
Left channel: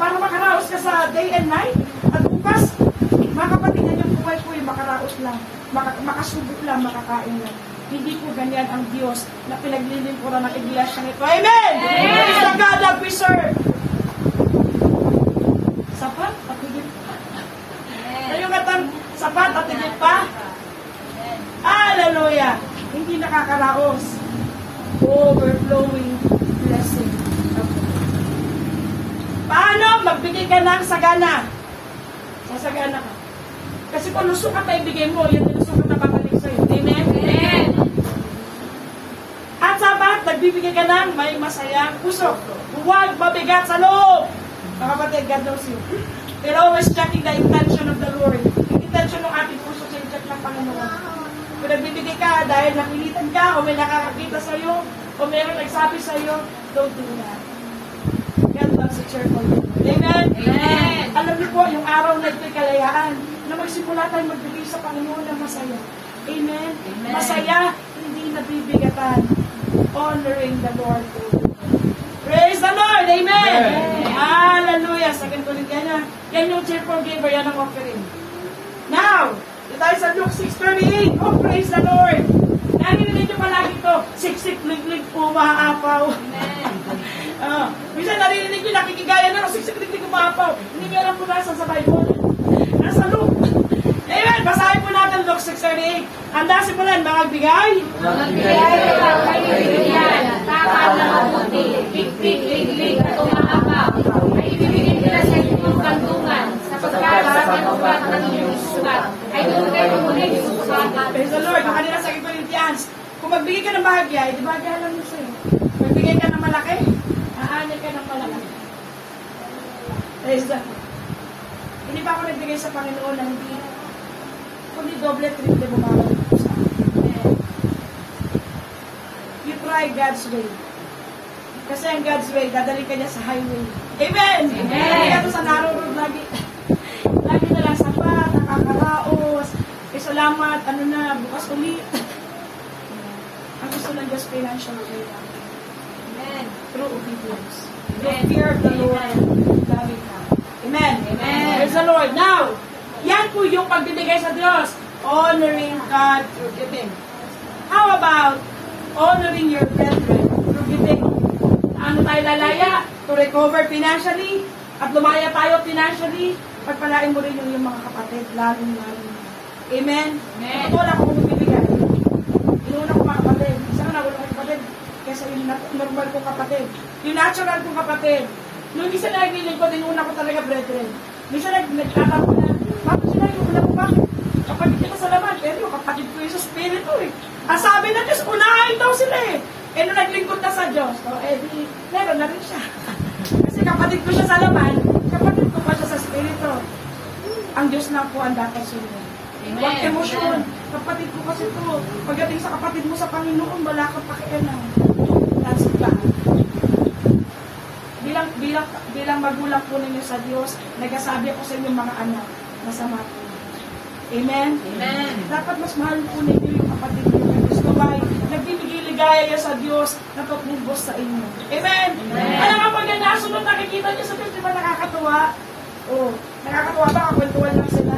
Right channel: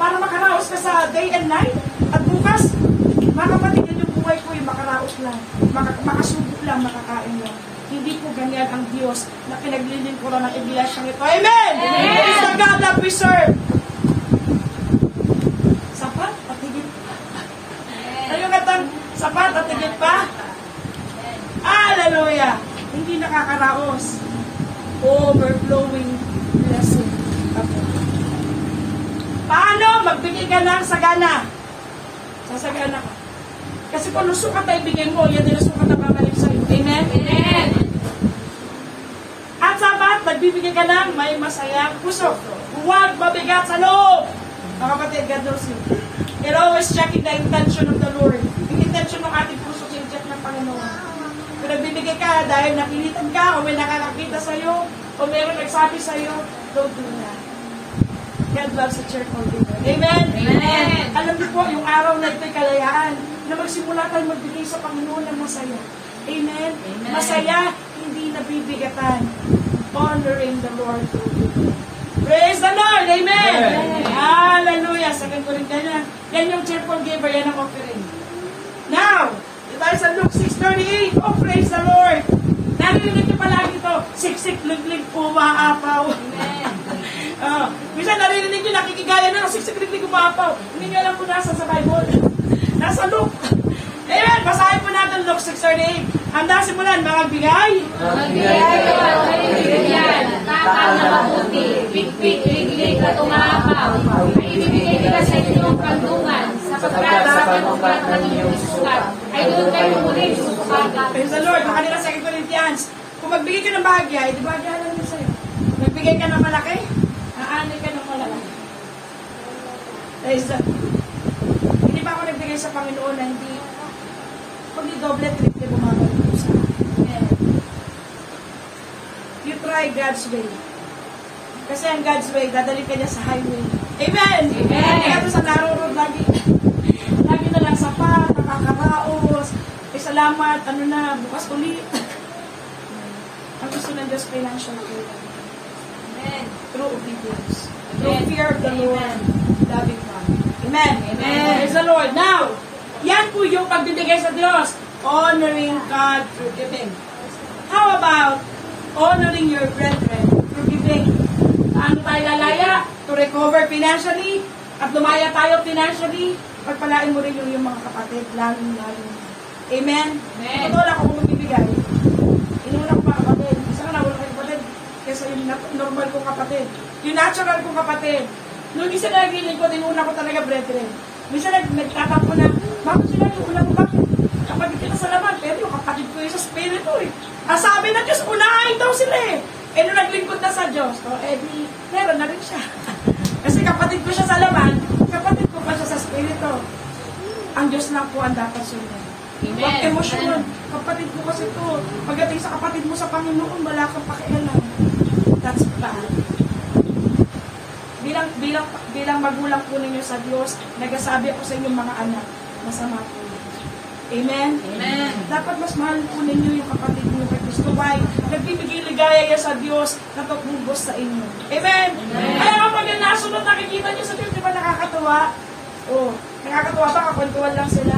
Para makaraos ka sa day and night? At bukas, mga kapatid na yung buhay ko yung makaraos lang. Makasubok lang, makakain lang. Hindi po ganyan ang Diyos na pinaglilingkuran ng iglesia nito. Amen! Praise the God that we serve. Sapat at higit pa. Ayun katang sapat at higit pa. Hallelujah! Hindi nakakaraos. Overflowing blessing. Okay. Paano magbigay ka ng sagana? Sasagana ka. Kasi kung nusukat na ibigay mo, yan din nusukat na babalik sa'yo. Amen? Amen! At sapat, nagbibigay ka ng may masayang puso. Huwag mabigat sa loob. Mga kapatid, God knows you. You're always checking the intention of the Lord. Yung intention ng ating puso, sincheck ng Panginoon. Kung nagbibigay ka dahil napilitan ka, o may nakakakita sa'yo, o mayroong nagsabi sa'yo, don't do that. sa cheerful giver. Amen? Amen. Alam niyo po, yung araw na ito'y kalayaan na magsimula tayo magbigay sa Panginoon ng masaya. Amen? Amen. Masaya, hindi nabibigatan. Honoring the Lord. Praise the Lord! Amen! Hallelujah! 2 Corinthians. Yan yung cheerful giver, yan ang offering. Now, tayo sa Luke 6:38. Oh, praise the Lord! Narinig niyo palagi ito, siksik, liglig, umaapaw. Minsan narinig niyo, nakikigaya na, siksik, liglig, umaapaw. Hindi niyo alam kung nasa sa Bible. Nasa Luke. Amen, basahin po natin Luke 6:38. Handa simulan, magbigay. Magbigay kayo at kaibigan, tapat na mabuti, bigpig, liglig at umaapaw. Ay ibibigay nila sa inyong kandungan, sapagkat sa panugat ng iyong sukat, ay doon kayo muling susukapan. Praise the Lord. Ang kanila 2 Corinthians. Kung magbigay ka ng bahagya, di bahagya lang mo sa'yo. Magbigay ka ng malaki, aanay ka ng malaki. Praise the Lord. Hindi ba ako nagbigay sa Panginoon na hindi pag i-doble, triple, bumabalik ko sa akin. You try God's way. Kasi ang God's way, dadalhin ka niya sa highway. Amen! Kaya ito sa narrow road, lagi na lang sapat, nakakaraos, salamat, ano na, bukas ulit. Ang gusto ng Diyos, financial freedom. Amen. Through obedience. Through fear of the Lord, loving God. Amen. Amen. Praise the Lord. Now, yan po yung pagbibigay sa Diyos. Honoring God through giving. How about honoring your brethren through giving? Ano tayo lalaya? To recover financially? At lumaya tayo financially? Pagpalain mo rin yung mga kapatid, lalo. Amen? Amen. Totoo lang ako kung bibigyan. Inuuna ko mga kapatid. Isa ka na, wala kong kapatid. Kesa yung normal kong kapatid. Yung natural kong kapatid. Yung isa na nagilin ko, inuuna ko talaga brethren. Minsan nagtatang ko na, bakit sila yung una ko bakit? Kapatid kita sa laman, pero kapatid ko yung sa spirito eh. Sabi na Diyos, unahin daw sila eh. Eh nung naglingkod na sa Diyos, di, meron na rin siya. Kasi kapatid ko siya sa laman, kapatid ko pa siya sa spirito. Ang Diyos lang po ang dapat sunod. Huwag emosyon. Kapatid ko kasi ito. Pagdating sa kapatid mo sa Panginoon, wala kang pakialam. That's God. Bilang magulang po ninyo sa Diyos, nagsasabi ako sa inyong mga anak, masama po. Amen? Amen. Dapat mas mahal po ninyo yung kapatid mo kay Kristo. Why? Nagbibigay ligaya niya sa Diyos na tutubos sa inyo. Amen? Kaya kapag yan nasunod, nakikita niyo sa Diyos, di ba nakakatuwa? Oh, nakakatuwa ba? Kwentuhan lang sila.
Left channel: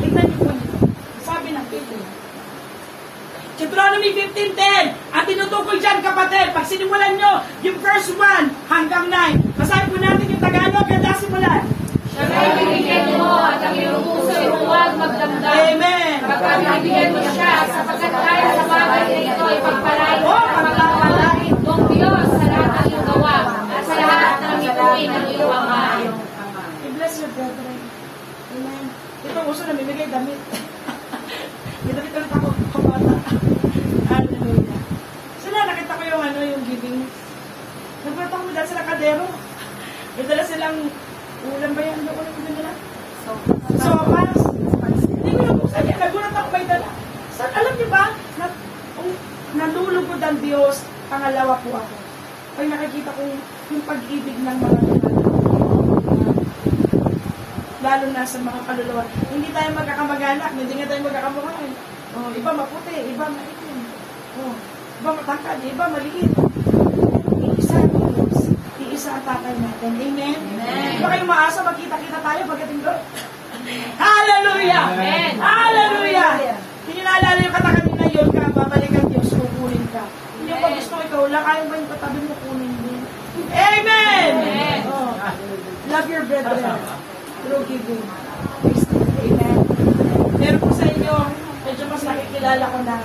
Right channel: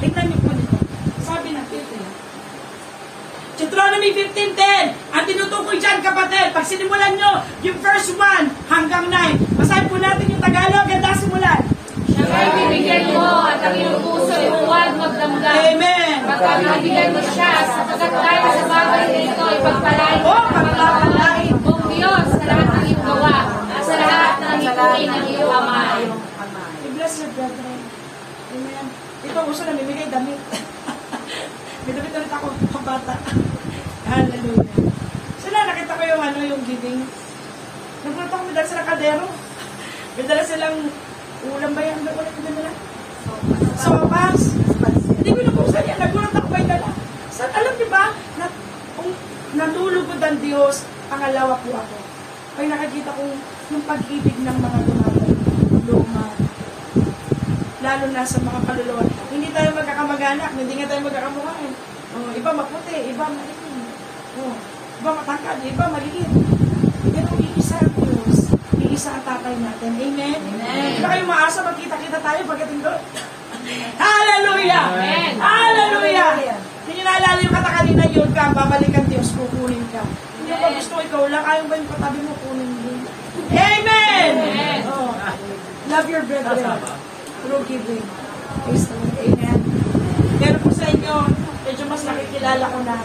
Tignan niyo po nito. Sabi ng Biblia. Deuteronomy 15:10. Ang tinutukoy dyan, kapatid, pag sinimulan nyo, yung verse 1 hanggang 9. Basahin po natin yung Tagalog, ganda simulan. Siya ay bibigyan mo at ang iyong puso ay huwag magdamdam. Amen. Pagkat nabigyan mo siya, sapagkat tayo sa bagay na ito ay pagpalain pagpapalain mong Diyos sa lahat ng iyong gawa at sa lahat ng ituloy ng iyong ama. I bless your brethren. Amen. Ito, gusto na bibigay damit. May damit ulit ako, kabata. Hallelujah. Sila, nakita ko yung giving. Nagpunta ko dahil sila kadero. May dala silang ulam ba yan? Ulam ba nila? Sopas. Hindi ko nabuksan yan. Nagulat ako may dala. Alam niyo ba, nalulugod ang Diyos, pangalawa po ako. Kaya nakikita ko yung pag-ibig ng mga lalo na sa mga kaluluwa. Hindi tayo magkakamag-anak, hindi nga tayo magkakamukhaan. Iba maputi, iba maitim. Iba matangkad, iba maliit. Pero iisa ang Diyos. Iisa ang tapay natin. Amen? Amen. Iba kayo maasa, magkita-kita tayo pagdating doon. Hallelujah! Amen. Hallelujah! Hindi naalala yung katakalina yun ka, babalik ang Diyos, kukunin ka. Hindi pa gusto ikaw lang, ayaw ba yung katabi mo kunin din? Amen! Amen. Love your brethren. Through giving. Amen. Pero po sa inyo, medyo mas nakikilala ko na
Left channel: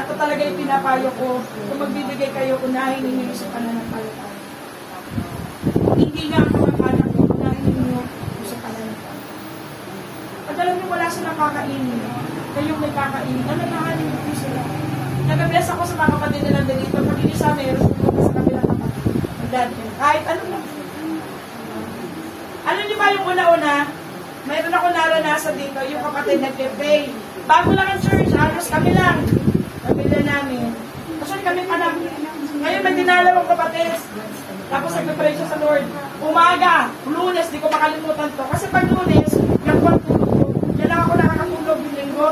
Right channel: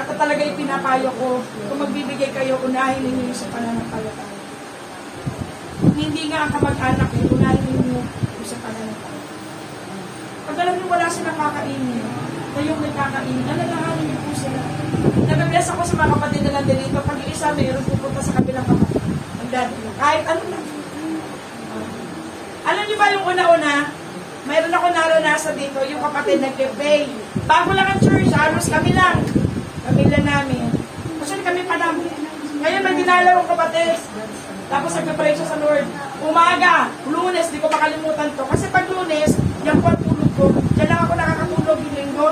ako talaga yung pinapayo ko, kung magbibigay kayo, unahin ninyo sa pananampalataya. Hindi nga kamag-anak, unahin ninyo sa pananampalataya. Pag alam nyo wala silang kakainin, kayong may kakainin, alalahanin niyo po sila. Nag-bless ako sa mga kapatid na lang dito, pag isa mayroon pupunta sa kabilang kapatid. Kahit ano lang. Alam niyo ba yung una-una, mayroon ako naranasan dito, yung kapatid nag-pray. Bago lang ang church, halos kami lang. Pamilya namin. Actually kami pa lang. Ngayon may dinalaw ang kapatid. Tapos nagpe-pray siya sa Lord. Umaga, Lunes, di ko makalimutan to. Kasi pag Lunes, yung buwan tulog ko. Diyan lang ako nakakatulog yung linggo.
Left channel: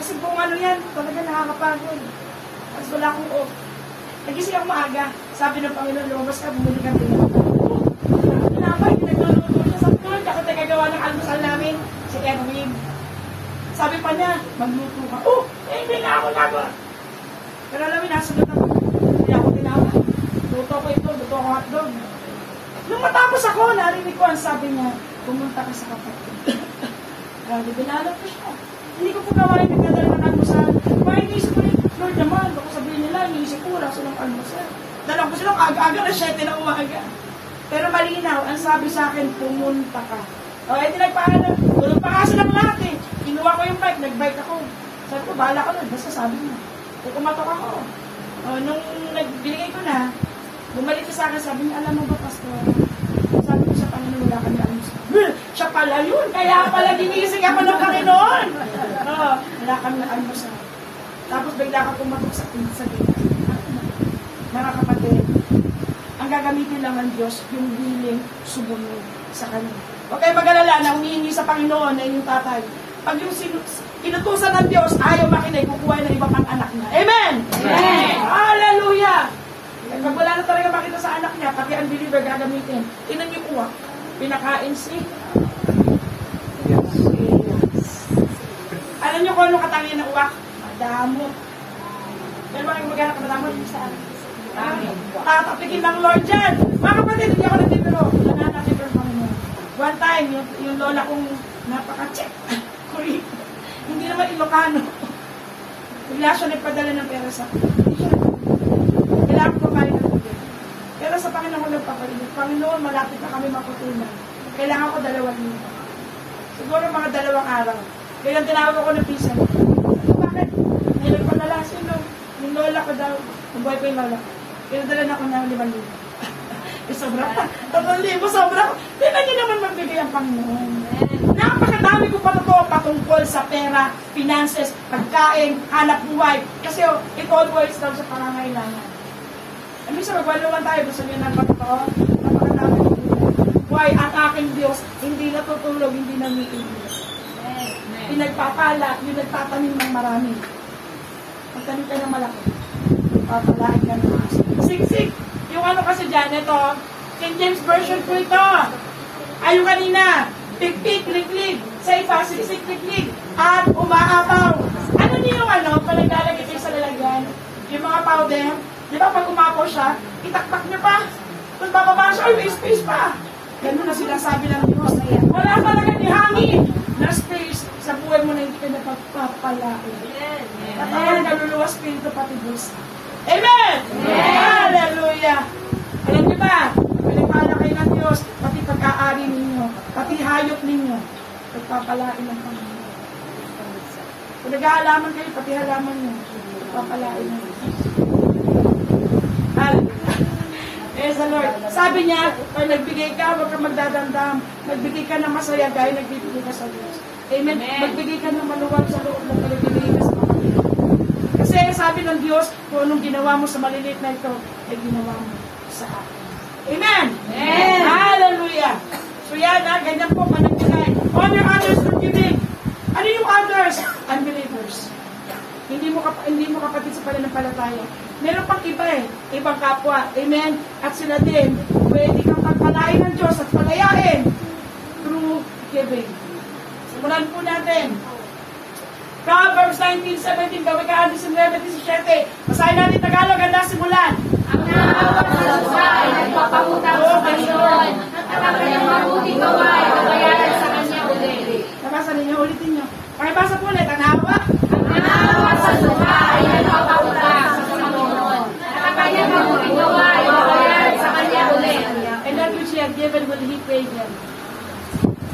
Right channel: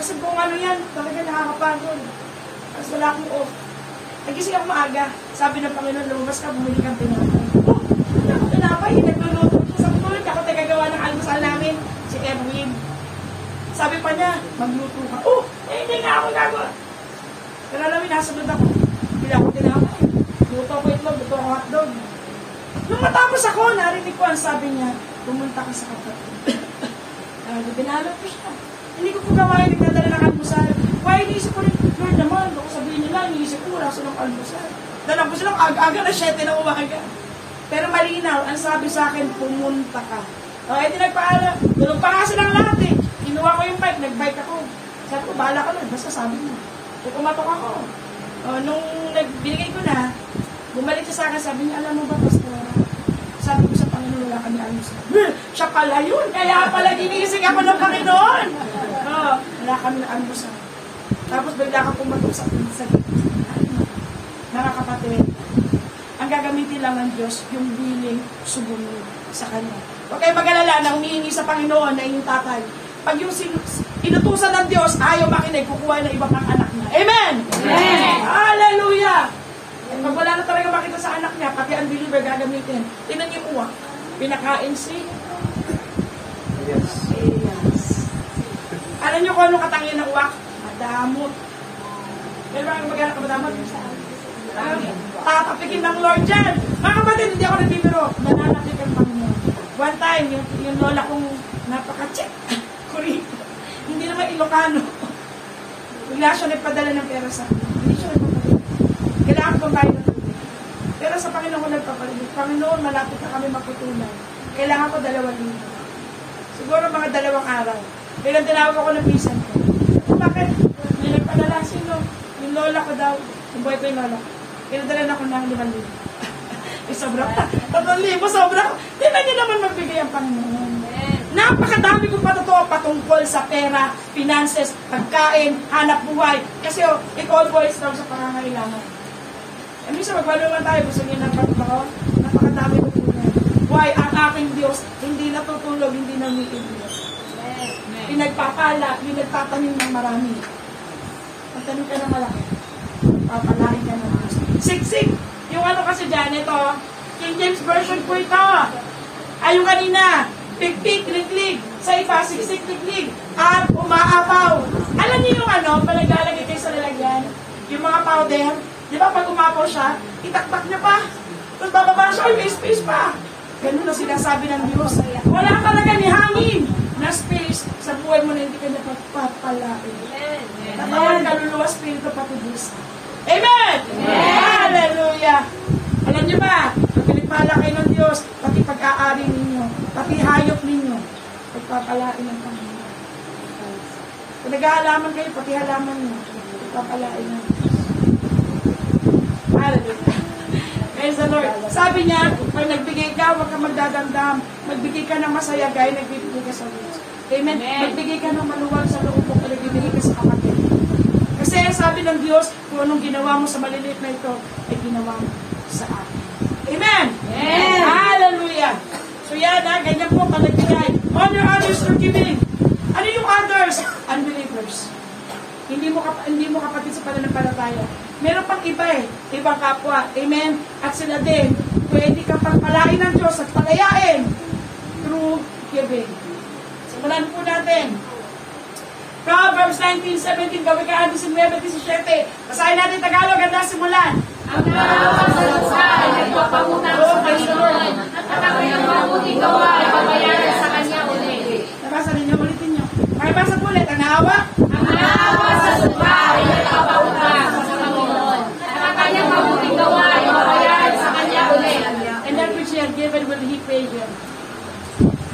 Kasi kung ano yan, talaga nakakapagod. Tapos wala akong off. Nagising ako maaga. Sabi ng Panginoon, lumabas ka, bumili kang tinapay. Oh, tinapay, nagluluto siya sa tulog. Ako tagagawa ng almusal namin, si Erwin. Sabi pa niya, magluto ka. Oh, hindi nga ako gagawa. Pero alam mo, nasunod ako. Hindi ako tinapay. Luto ko ito, luto ko hotdog. Nung matapos ako, narinig ko ang sabi niya, pumunta ka sa kapatid. Dinalo ko siya. Hindi ko po kamay nagdadala ng almusal. Kaya iniisip ko rin, Lord naman, baka sabihin nila, iniisip ko, wala silang almusal. Dala ko silang aga-aga na 7 na umaga. Pero malinaw, ang sabi sa akin, pumunta ka. O, edi nagpaalam. Tulog pa nga silang lahat eh. Kinuha ko yung bike, nag-bike ako. Sabi ko, bahala ka nun, basta sabi mo. Pumatok ako. O, nung binigay ko na, bumalik siya sa akin, sabi niya, alam mo ba, Pastor? Sabi ko sa Panginoon, wala kami almusal. Siya pala yun, kaya pala ginising ako ng Panginoon. Wala kami almusal. Tapos bigla ka pumatok sa pinsa. Nakakapatid. Ang gagamitin lang ng Diyos, yung willing sumunod sa Kanya. Huwag kayo mag-alala na humihingi sa Panginoon na yung tatay. Pag yung inutusan ng Diyos, ayaw makinig, kukuha ng iba pang anak niya. Amen! Amen! Hallelujah! Pag wala na talaga makita sa anak niya, pati ang believer gagamitin. Tingnan niyo uwak. Pinakain si... Yes. Alam niyo kung ano katangin ng uwak? Madamot. Pero bakit maghanap ka madamot? Tatapikin ng Lord dyan. Mga kapatid, hindi ako nagbibiro. Nagtatapikin ng Panginoon. One time, yung lola kong napaka-check. Kurito. Hindi naman Ilocano. Bigla siya nagpadala ng pera sa akin. Hindi siya nagpadala. Kailangan ko kayo ng pero sa Panginoon nagpapalit. Panginoon, malapit na kami makutunan. Kailangan ko 2,000. Siguro mga 2 araw. Kaya tinawag ako ng isa. Bakit? May nagpadala. Sino? Yung lola ko daw. Yung buhay pa yung lola. Pinadala na ako ng 5,000. Sobra. 3,000, sobra. Tingnan niyo naman magbigay ang Panginoon. Napakadami kong patotoo patungkol sa pera, finances, pagkain, hanap buhay. Kasi it all boils down sa pangangailangan. Ano sa magwalo man tayo, gusto niyo ng patotoo? Napakadami kong buhay. Why? Ang aking Diyos, hindi natutulog, hindi nangiilig. Pinagpapala, pinagpatanim ng marami. Pagtanim ka ng malaki, papalain ka ng Diyos. Siksik! Yung ano kasi dyan, ito, King James Version po ito. Ayun kanina, pik-pik, lig-lig. Sa iba, siksik, lig-lig. At umaapaw. Alam niyo yung ano, pag naglalagay kayo sa lalagyan, yung mga powder, di ba pag umapaw siya, itaktak niya pa. Tapos bababa siya, ay may space pa. Ganun na sinasabi ng Diyos. Wala talaga ni hangin na space sa buhay mo na hindi ka napagpapalain. Natawan ka luluwas, spirito pati Diyos. Amen! Hallelujah! Alam niyo ba, pagpapala kayo ng Diyos, pati pag-aari ninyo, pati hayop ninyo, pagpapalain ng Panginoon. Kung nag-aalaman kayo, pati halaman nyo, pagpapalain ng Diyos. Hallelujah! Praise the Lord. Sabi niya, pag nagbigay ka, huwag ka magdadamdam. Magbigay ka ng masaya, gaya nagbibigay ka sa Diyos. Amen? Magbigay ka ng maluwag sa loob ng nagbibigay ka sa kapatid. Kasi sabi ng Diyos, kung anong ginawa mo sa maliliit na ito, ay ginawa mo sa akin. Amen? Amen. Hallelujah! So yan, ganyan po pa nagbigay. Honor others through giving. Ano yung others? Unbelievers. Hindi mo kapatid sa pananampalataya. Meron pang iba ibang kapwa. Amen? At sila din, pwede kang pagpalain ng Diyos at palayain through giving. Simulan po natin. Proverbs 19:17, Babagaan 19:17. Basahin natin Tagalog, ganda simulan. Ang nalawang sa lupa ay nagpapahutang sa Panginoon at ang kanyang mabuting gawa ay babayaran sa kanya ulit. Nabasa ninyo, ulitin nyo. Makibasa po ulit, ang hawak. Ang nalawang sa lupa ay nagpapahutang sa Panginoon at ang kanyang mabuting gawa ay babayaran sa kanya ulit. And that which he had given will he pay him.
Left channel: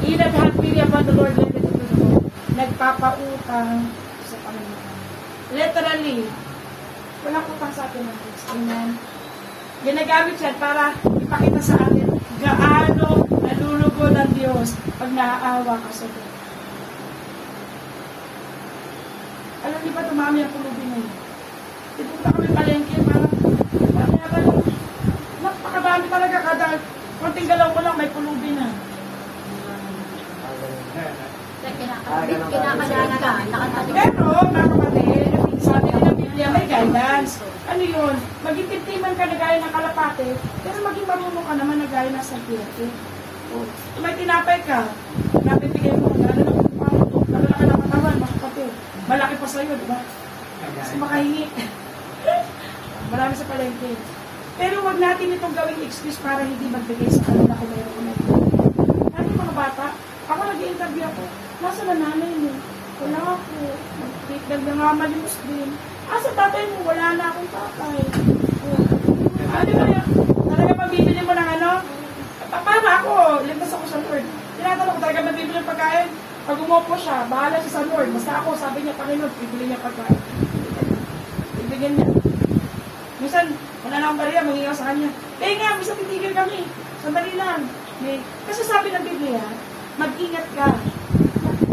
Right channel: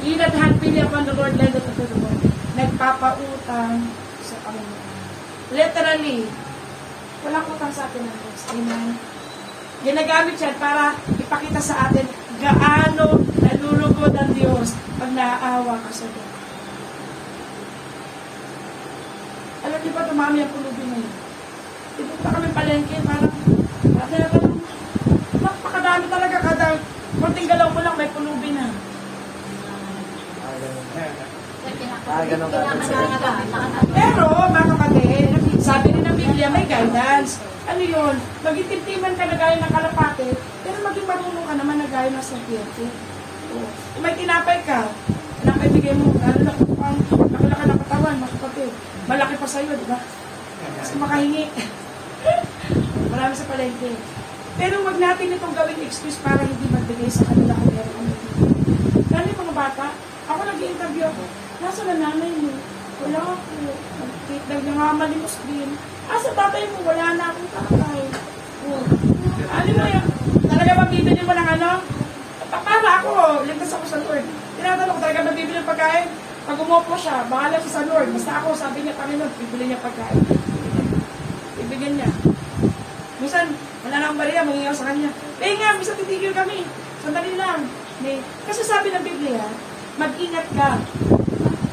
He that had pity upon the Lord lendeth to the Lord. Nagpapautang sa Panginoon. Literally, wala ko pang sa atin ng Diyos. Amen. Ginagamit yan para ipakita sa atin gaano nalulugod ang Diyos pag naaawa ka sa Diyos. Alam niyo ba, dumami ang pulubin ngayon. Dito pa kami palengke, parang whatever Kunting galaw mo lang, may pulubi na. Pero, mga kapatid, sabi rin ng Biblia, may guidance. Ano yun? Maging timtiman ka na gaya ng kalapate, pero maging marunong ka naman na gaya ng sagyete. Kung may tinapay ka, tinapay bigay mo, ano lang, magula ka ng katawan, mga kapatid. Malaki pa sa'yo, di ba? Kasi makahingi. Marami sa palengke. Pero wag natin itong gawing excuse para hindi magbigay sa kanila kung meron kami. Lalo yung mga bata, ako nag-i-interview ako, nasa na nanay mo? Wala ako. Nag-treatment niya nga malimos din. Sa tatay mo, wala na akong tatay. Ano mo yan? Talaga mabibili mo ng ano? Para ako, iligtas ako sa Lord. Tinatanong ko talaga mabibili ng pagkain. Pag umupo siya, bahala siya sa Lord. Basta ako, sabi niya, Panginoon, bibili niya pagkain. Ibigyan niya. Minsan, wala na akong bariya, mangingaw sa kanya. Nga, minsan titigil kami. Sandali lang. Kasi sabi ng Biblia, mag-ingat ka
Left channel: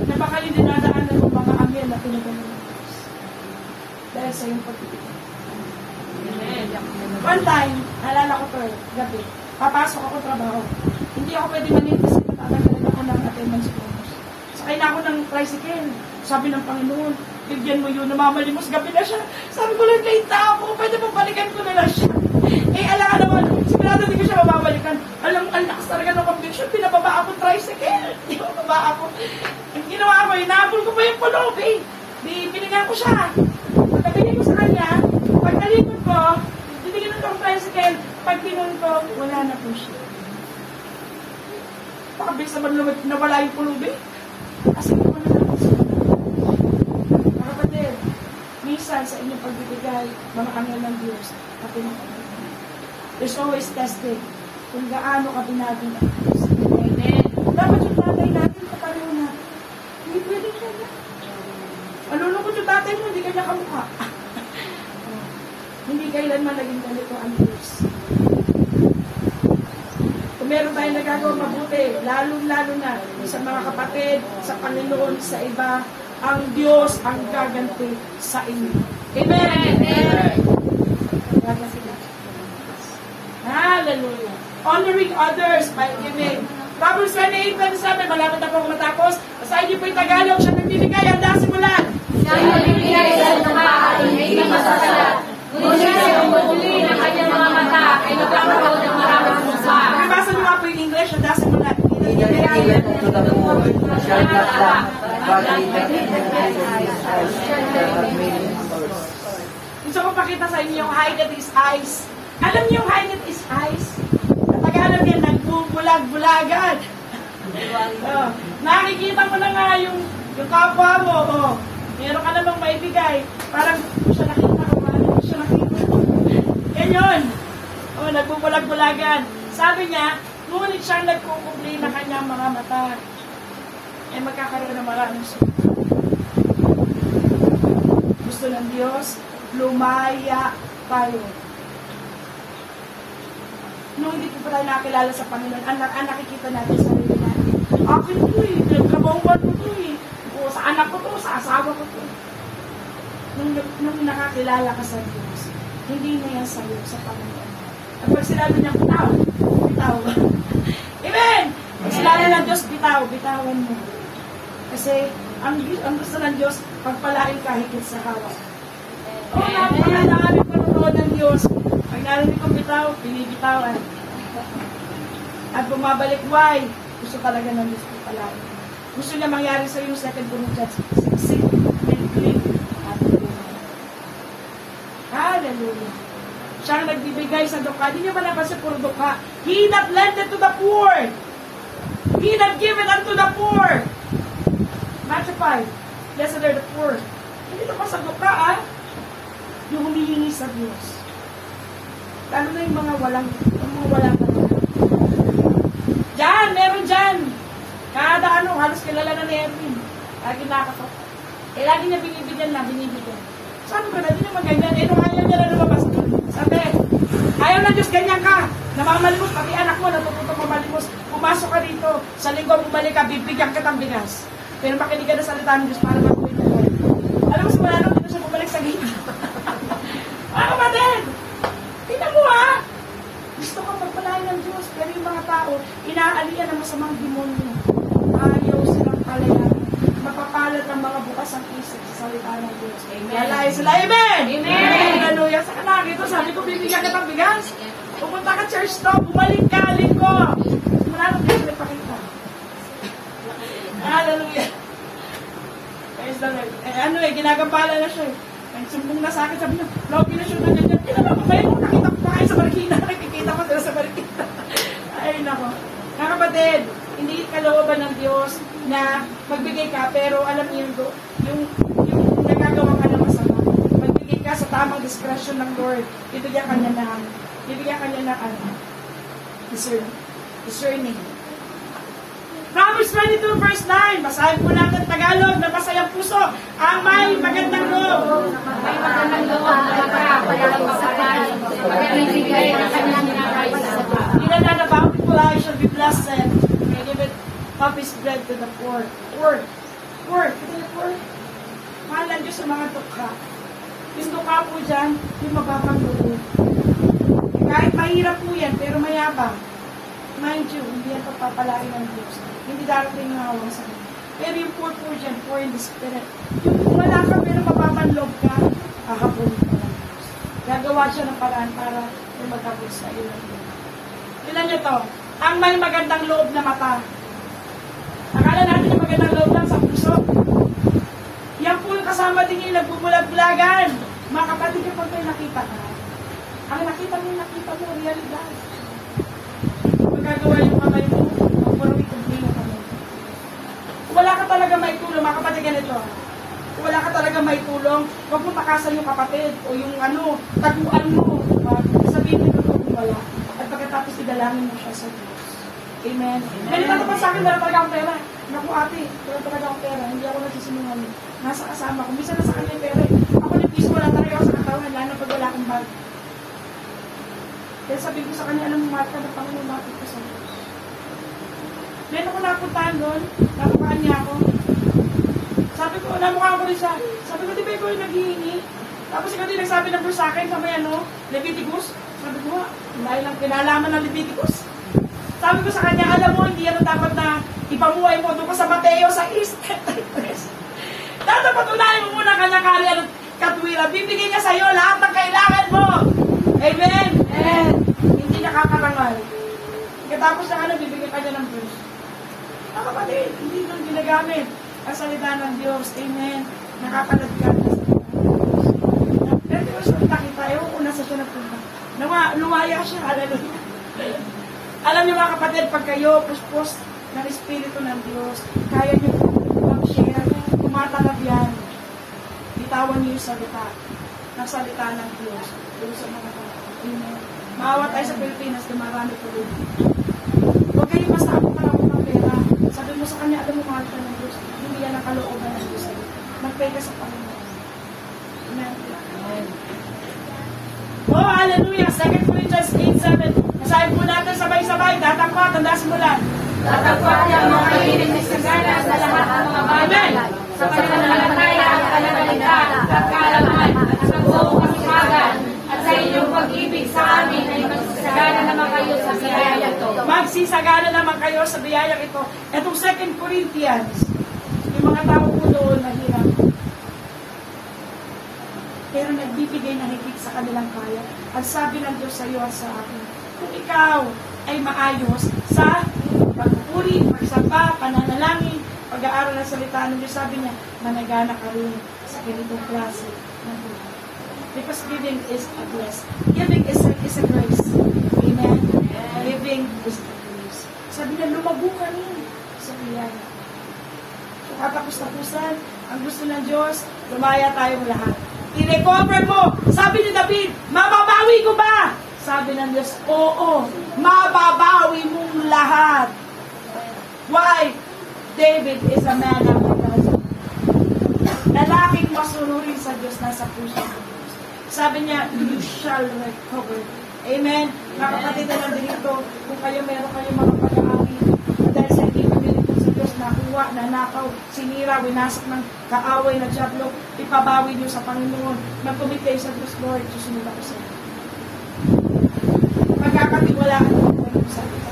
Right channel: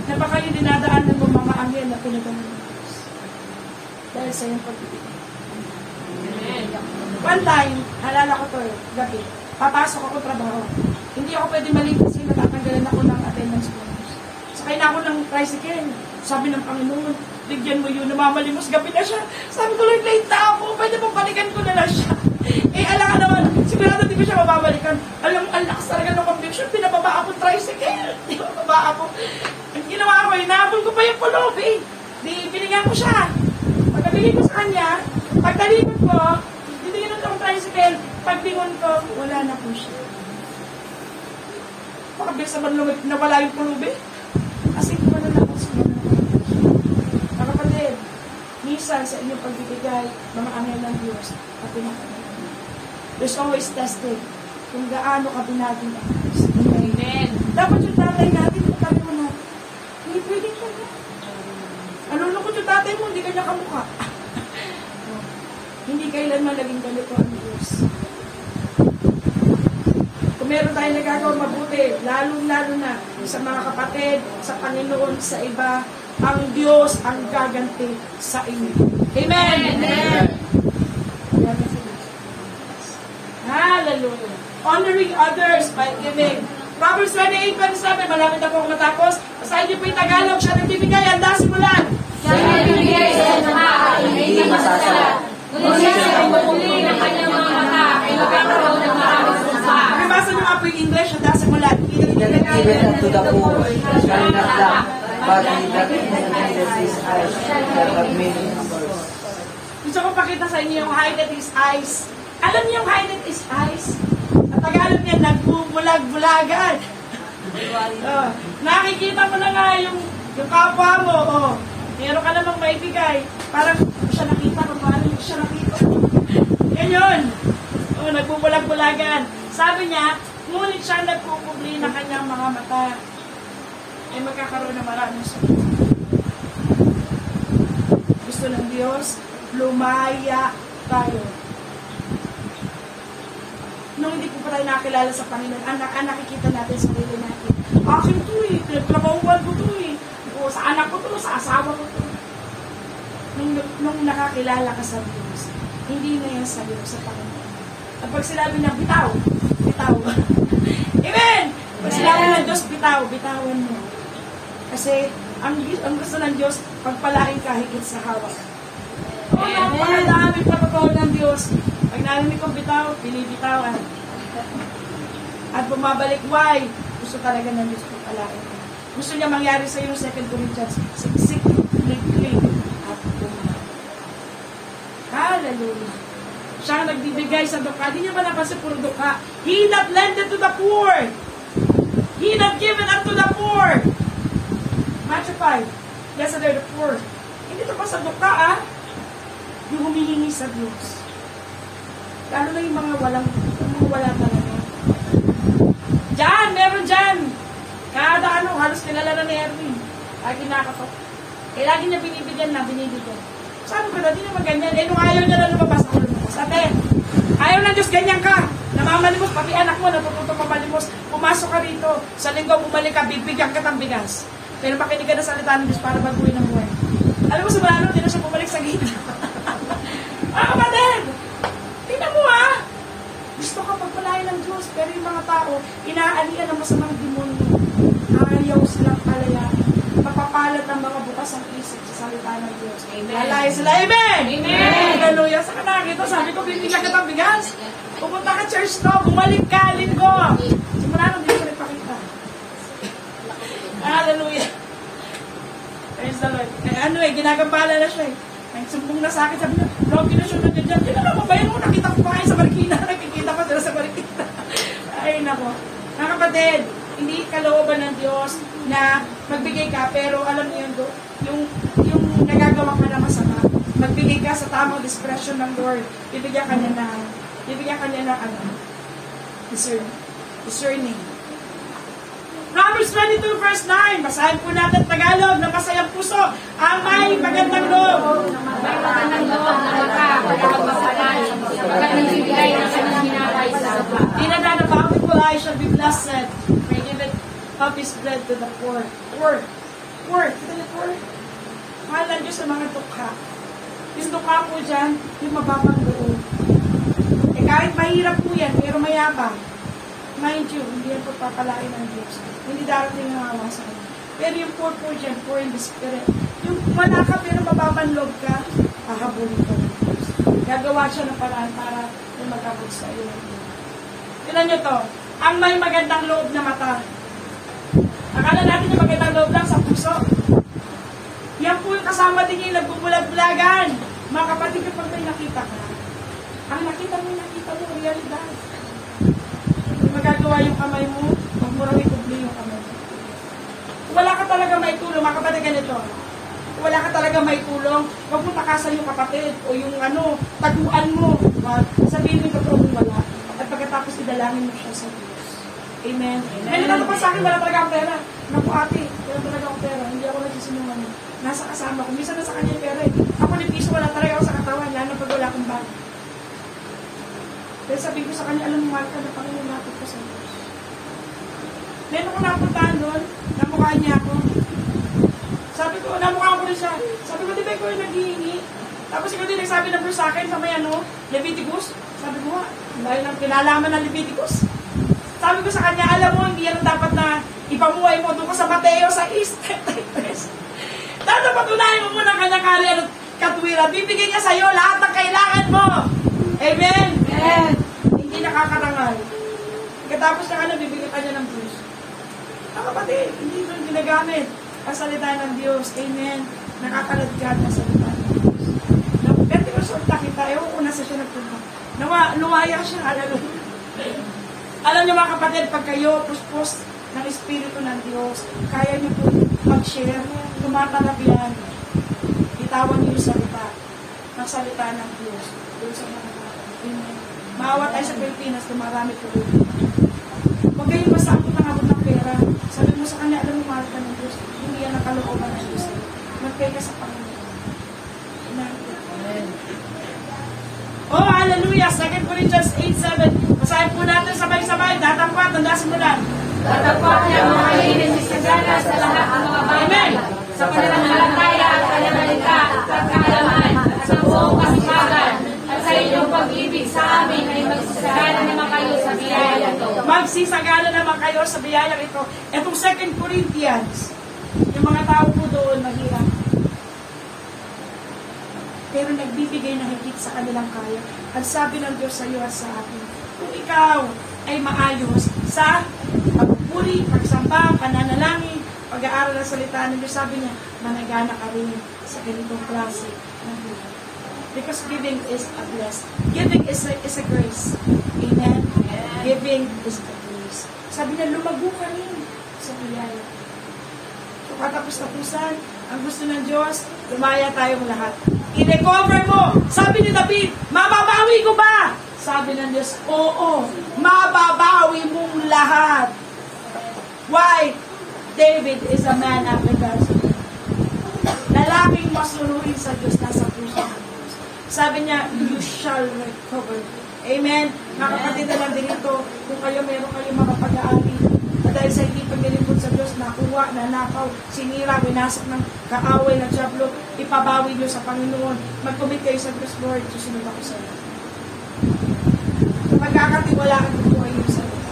na baka yung dinadaan ng mga amyan na pinagaman ng Diyos. Dahil sa iyong pag-ibig. One time, halala ko to gabi, papasok ako trabaho. Hindi ako pwede mali kasi natatanggalan ako ng attendance bonus. Sakay na ako ng tricycle. Sabi ng Panginoon, bigyan mo yun, namamalimos, gabi na siya. Sabi ko, Lord, late na ako, pwede mabalikan ko na lang siya. Alam ka naman, sigurado hindi ko siya mababalikan. Alam, ang lakas talaga ng conviction, pinababa ako tricycle. Pinababa ako. Ang ginawa ako, inaabol ko pa yung pulog, binigyan ko siya. Pagkabili ko sa kanya, pagkalikot ko, bibigyan ko ang tricycle, pagbingon ko, wala na po siya. Pakabilis naman nawala yung pulog, kasi kumala na ako sa minsan sa inyong pagbibigay, mga anghel ng Diyos, at pinakagawa. There's always tested kung gaano ka binagong ang Diyos. Amen. Dapat yung tatay natin, pagkagawa natin, hindi pwede ka na. Nalulungkot yung tatay mo, hindi ka niya kamukha. Hindi kailanman naging ganito ang Diyos. Kung meron tayong nagagawa mabuti, lalo-lalo na sa mga kapatid, sa Panginoon, sa iba, ang Diyos ang gaganti sa inyo. Amen! Amen! Hallelujah! Honoring others by giving. Proverbs 28:7, malapit na po matapos. Sa inyo po yung Tagalog, siya nagbibigay, handa simulan. Siya nagbibigay sa mga at hindi masasalat. Ngunit siya ang bubuli ng kanyang mga mata ay magkakaroon ng maraming sumpa. Nabasa niyo nga po yung English, handa simulan. Given to the poor, shall not lack, but he that gusto ko pakita sa inyo yung high net is eyes. Alam niyo yung high net is eyes? Sa Tagalog yan, nagbubulag-bulagan. Nakikita mo na nga yung kapwa mo. Meron ka namang maibigay. Parang siya nakita ko, paano siya nakita ko. Ganyan. Nagbubulag-bulagan. Sabi niya, ngunit siyang nagkukubli ng kanyang mga mata, ay magkakaroon ng maraming sulit. Gusto ng Diyos, lumaya tayo. Nung hindi ko pa tayo nakilala sa Panginoon, ang nakikita natin sa sarili natin. Akin to yung trabahuan ko to o sa anak ko to, sa asawa ko to. Nung nakakilala ka sa Diyos, hindi na yan sabi sa Panginoon. At pag sinabi niya, bitaw. Amen! Pag sinabi ng Diyos, bitawan mo. Kasi ang gusto ng Diyos, pagpalain ka higit sa hawak. Napakadami pagpapawad ng Diyos. Pag narinig kong bitaw, binibitawan. At bumabalik, why? Gusto talaga ng Diyos pagpalain. Gusto niya mangyari sa iyo 2 Corinthians 6. Hallelujah. Siya ang nagbibigay sa duka. Hindi niya ba napansin puro duka? He that lendeth to the poor. He that giveth unto the poor. Matthew 5. Blessed are the poor. Hindi ito pa sa duka, yung humihingi sa Diyos. Lalo na yung mga walang talaga. Diyan, meron dyan. Kada halos kilala na ni Erwin. Lagi nakatok. Lagi niya binibigyan. Sabi ko na, di naman ganyan. Nung ayaw niya na lumabas. Sabi, ayaw na Diyos, ganyan ka. Namamalimos, pati anak mo, natututo mamalimos. Pumasok ka dito. Sa linggo, bumalik ka, bibigyan ka ng bigas. Pero makinig ka na salita ng Diyos para gagawin ng buhay. Alam mo, sa mga hindi na siya bumalik sa gitna. Kapatid! Tingnan mo gusto ka pagpapalain ng Diyos. Pero yung mga tao, inaalian ng masamang demonyo. Ayaw silang palayan. Mapapalat ang mga bukas ang isip sa salita ng Diyos. Lalay sila. Amen! Amen! Hallelujah. Sa kanang ito, sabi ko, bibigyan ka ng bigas. Pupunta ka church to, bumalik ka, linggo. Simula nung di ko nagpakita. Hallelujah. Praise the Lord. Ginagambala na siya eh. Ang sumbong na sa akin, sabi niya, logi na siya na ganyan. Kailan mo ba yun? Nakita ko pa kayo sa barikina. Nakikita ko sila sa barikina. Ay, nako. Mga kapatid, hindi kalooban ng Diyos na magbigay ka, pero alam niyo yung nagagawa ka na masama. Magbigay ka sa tamang discretion ng Lord. Bibigyan ka niya ng discerning. Proverbs 22 verse 9. Basahin po natin Tagalog na masayang puso. Ang may magandang loob. May magandang loob na magkakapagpasalan, magandang bigay ng kanyang nakaisa. Di na lang na bountiful eye shall be blessed. May give it of his bread to the poor. Poor. Ito yung poor. Mahal lang Diyos sa mga tukha. Yung tukha po dyan, yung mababang loob. Kahit mahirap po yan, pero mayabang. Mind you, hindi yan pagpapalain ng Diyos. Hindi darating ng awa sa kanya. Pero yung poor po dyan, poor in the spirit. Yung wala ka, pero mababang loob ka, kakapunin ka ng Diyos. Gagawa siya ng paraan para lumagabot sa iyo ng Diyos. Tignan niyo to, ang may magandang loob na mata. Akala natin yung magandang loob lang sa puso. Yan po yung kasama din yung nagbubulag-bulagan. Mga kapatid, kapag may nakita ka, ang nakita mo, ang realidad. Magagawa yung kamay mo, magmulong itubli yung kamay mo. Kung wala ka talaga may tulong, mga kapatid, ganito. Kung wala ka talaga may tulong, huwag mo takasan yung kapatid o yung taguan mo. Sabihin mo yung totoo kung wala. At pagkatapos idalangin mo siya sa Diyos. Amen. Ganito pa sa akin, wala talaga ang pera. Naku ate, wala talaga ang pera. Hindi ako nagsisinungaling. Nasa kasama ko. Minsan na sa kanya pera. Ako ni piso, wala talaga ako sa katawan. Lalo pag wala akong bag. Kaya sabihin ko sa kanya, alam mo Marta, na pangalumapit ko sa Diyos. Meron ako napuntahan doon, namukaan niya ako. Sabi ko, namukaan ko rin siya. Sabi ko, di ba ikaw yung naghihingi? Tapos ikaw din nagsabi na po sa akin, sa may Leviticus. Sabi ko, bahay lang pinalaman ng Leviticus. Sabi ko sa kanya, alam mo, hindi yan ang dapat na ipamuhay mo doon ko sa Mateo, sa East. Dapat unahin mo muna kanyang karya at katwiran. Bibigyan niya sa'yo lahat ng kailangan mo. Amen? Amen. Hindi nakakarangal. Pagkatapos na bibigyan ka niya ng Diyos. Mga kapatid, hindi doon ginagamit ang salita ng Diyos. Amen. Nakakalagyan ang salita ng Diyos. Pero tinusulta kita, una sa siya nagpunta. Luwaya siya, alam niyo mga kapatid, pag kayo puspos ng Espiritu ng Diyos, kaya niyo po mag-share, tumatalab yan. Bitawan niyo yung salita ng Diyos. Diyos sa mga maawa tayo sa Pilipinas, marami po rin. Huwag kayong masakot na ako ng pera. Sabi mo sa kanya, alam mo, mahal ka ng Diyos. Hindi yan ang kalooban ng Diyos. Mag-pay ka sa Panginoon. Amen. Oh, hallelujah! 2 Corinthians 8:7. Masahin po natin sabay-sabay. Tatangkat, tandasin mo lang. Tatagpuan niya mga ilinis sa gana sa lahat ng mga bagay. Sa pananampalataya at pananaligta at kaalaman at sa buong kasipagan. At sa inyong pag-ibig sa amin ay magsisagana naman kayo sa biyaya ito. Magsisagana naman kayo sa biyaya ito. Itong 2 Corinthians, yung mga tao po doon naghirap. Pero nagbibigay ng higit sa kanilang kaya. Ang sabi ng Diyos sa iyo at sa akin, kung ikaw ay maayos sa pagpuri, pagsamba, pananalangin, pag-aaral ng salita ng Diyos, sabi niya, managana ka rin sa ganitong klase ng buhay. Because giving is a blessing. Giving is a grace. Amen? Giving is a grace. Sabi niya, lumago ka rin sa biyaya. So, katapos-tapusan, ang gusto ng Diyos, lumaya tayong lahat. I-recover mo. Sabi ni David, mababawi ko ba? Sabi ng Diyos, oo, mababawi mong lahat. Why? David is a man after God's heart. Lalaking masunurin sa Diyos, nasa puso ng Diyos. Sabi niya, you shall recover. Amen? Mga kapatid naman dito, kung meron kayong mga pag-aapi, dahil sa hindi paglilingkod sa Diyos, nakuha, nanakaw, sinira, winasak ng kaaway ng Diablo, ipabawi niyo sa Panginoon. Magkumit kayo sa Diyos, Lord, susunod ako sa iyo. pagkakatiwalaan ng buhay mo sa Diyos.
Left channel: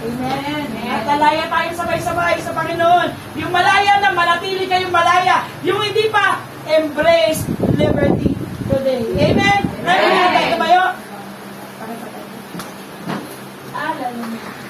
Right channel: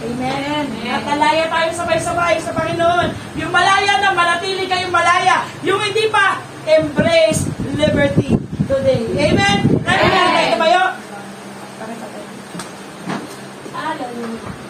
Amen. At malaya tayo sabay-sabay sa Panginoon. Yung malaya na manatili kayong malaya. Yung hindi pa, embrace liberty today. Amen. Kaya tayo tumayo. Hallelujah.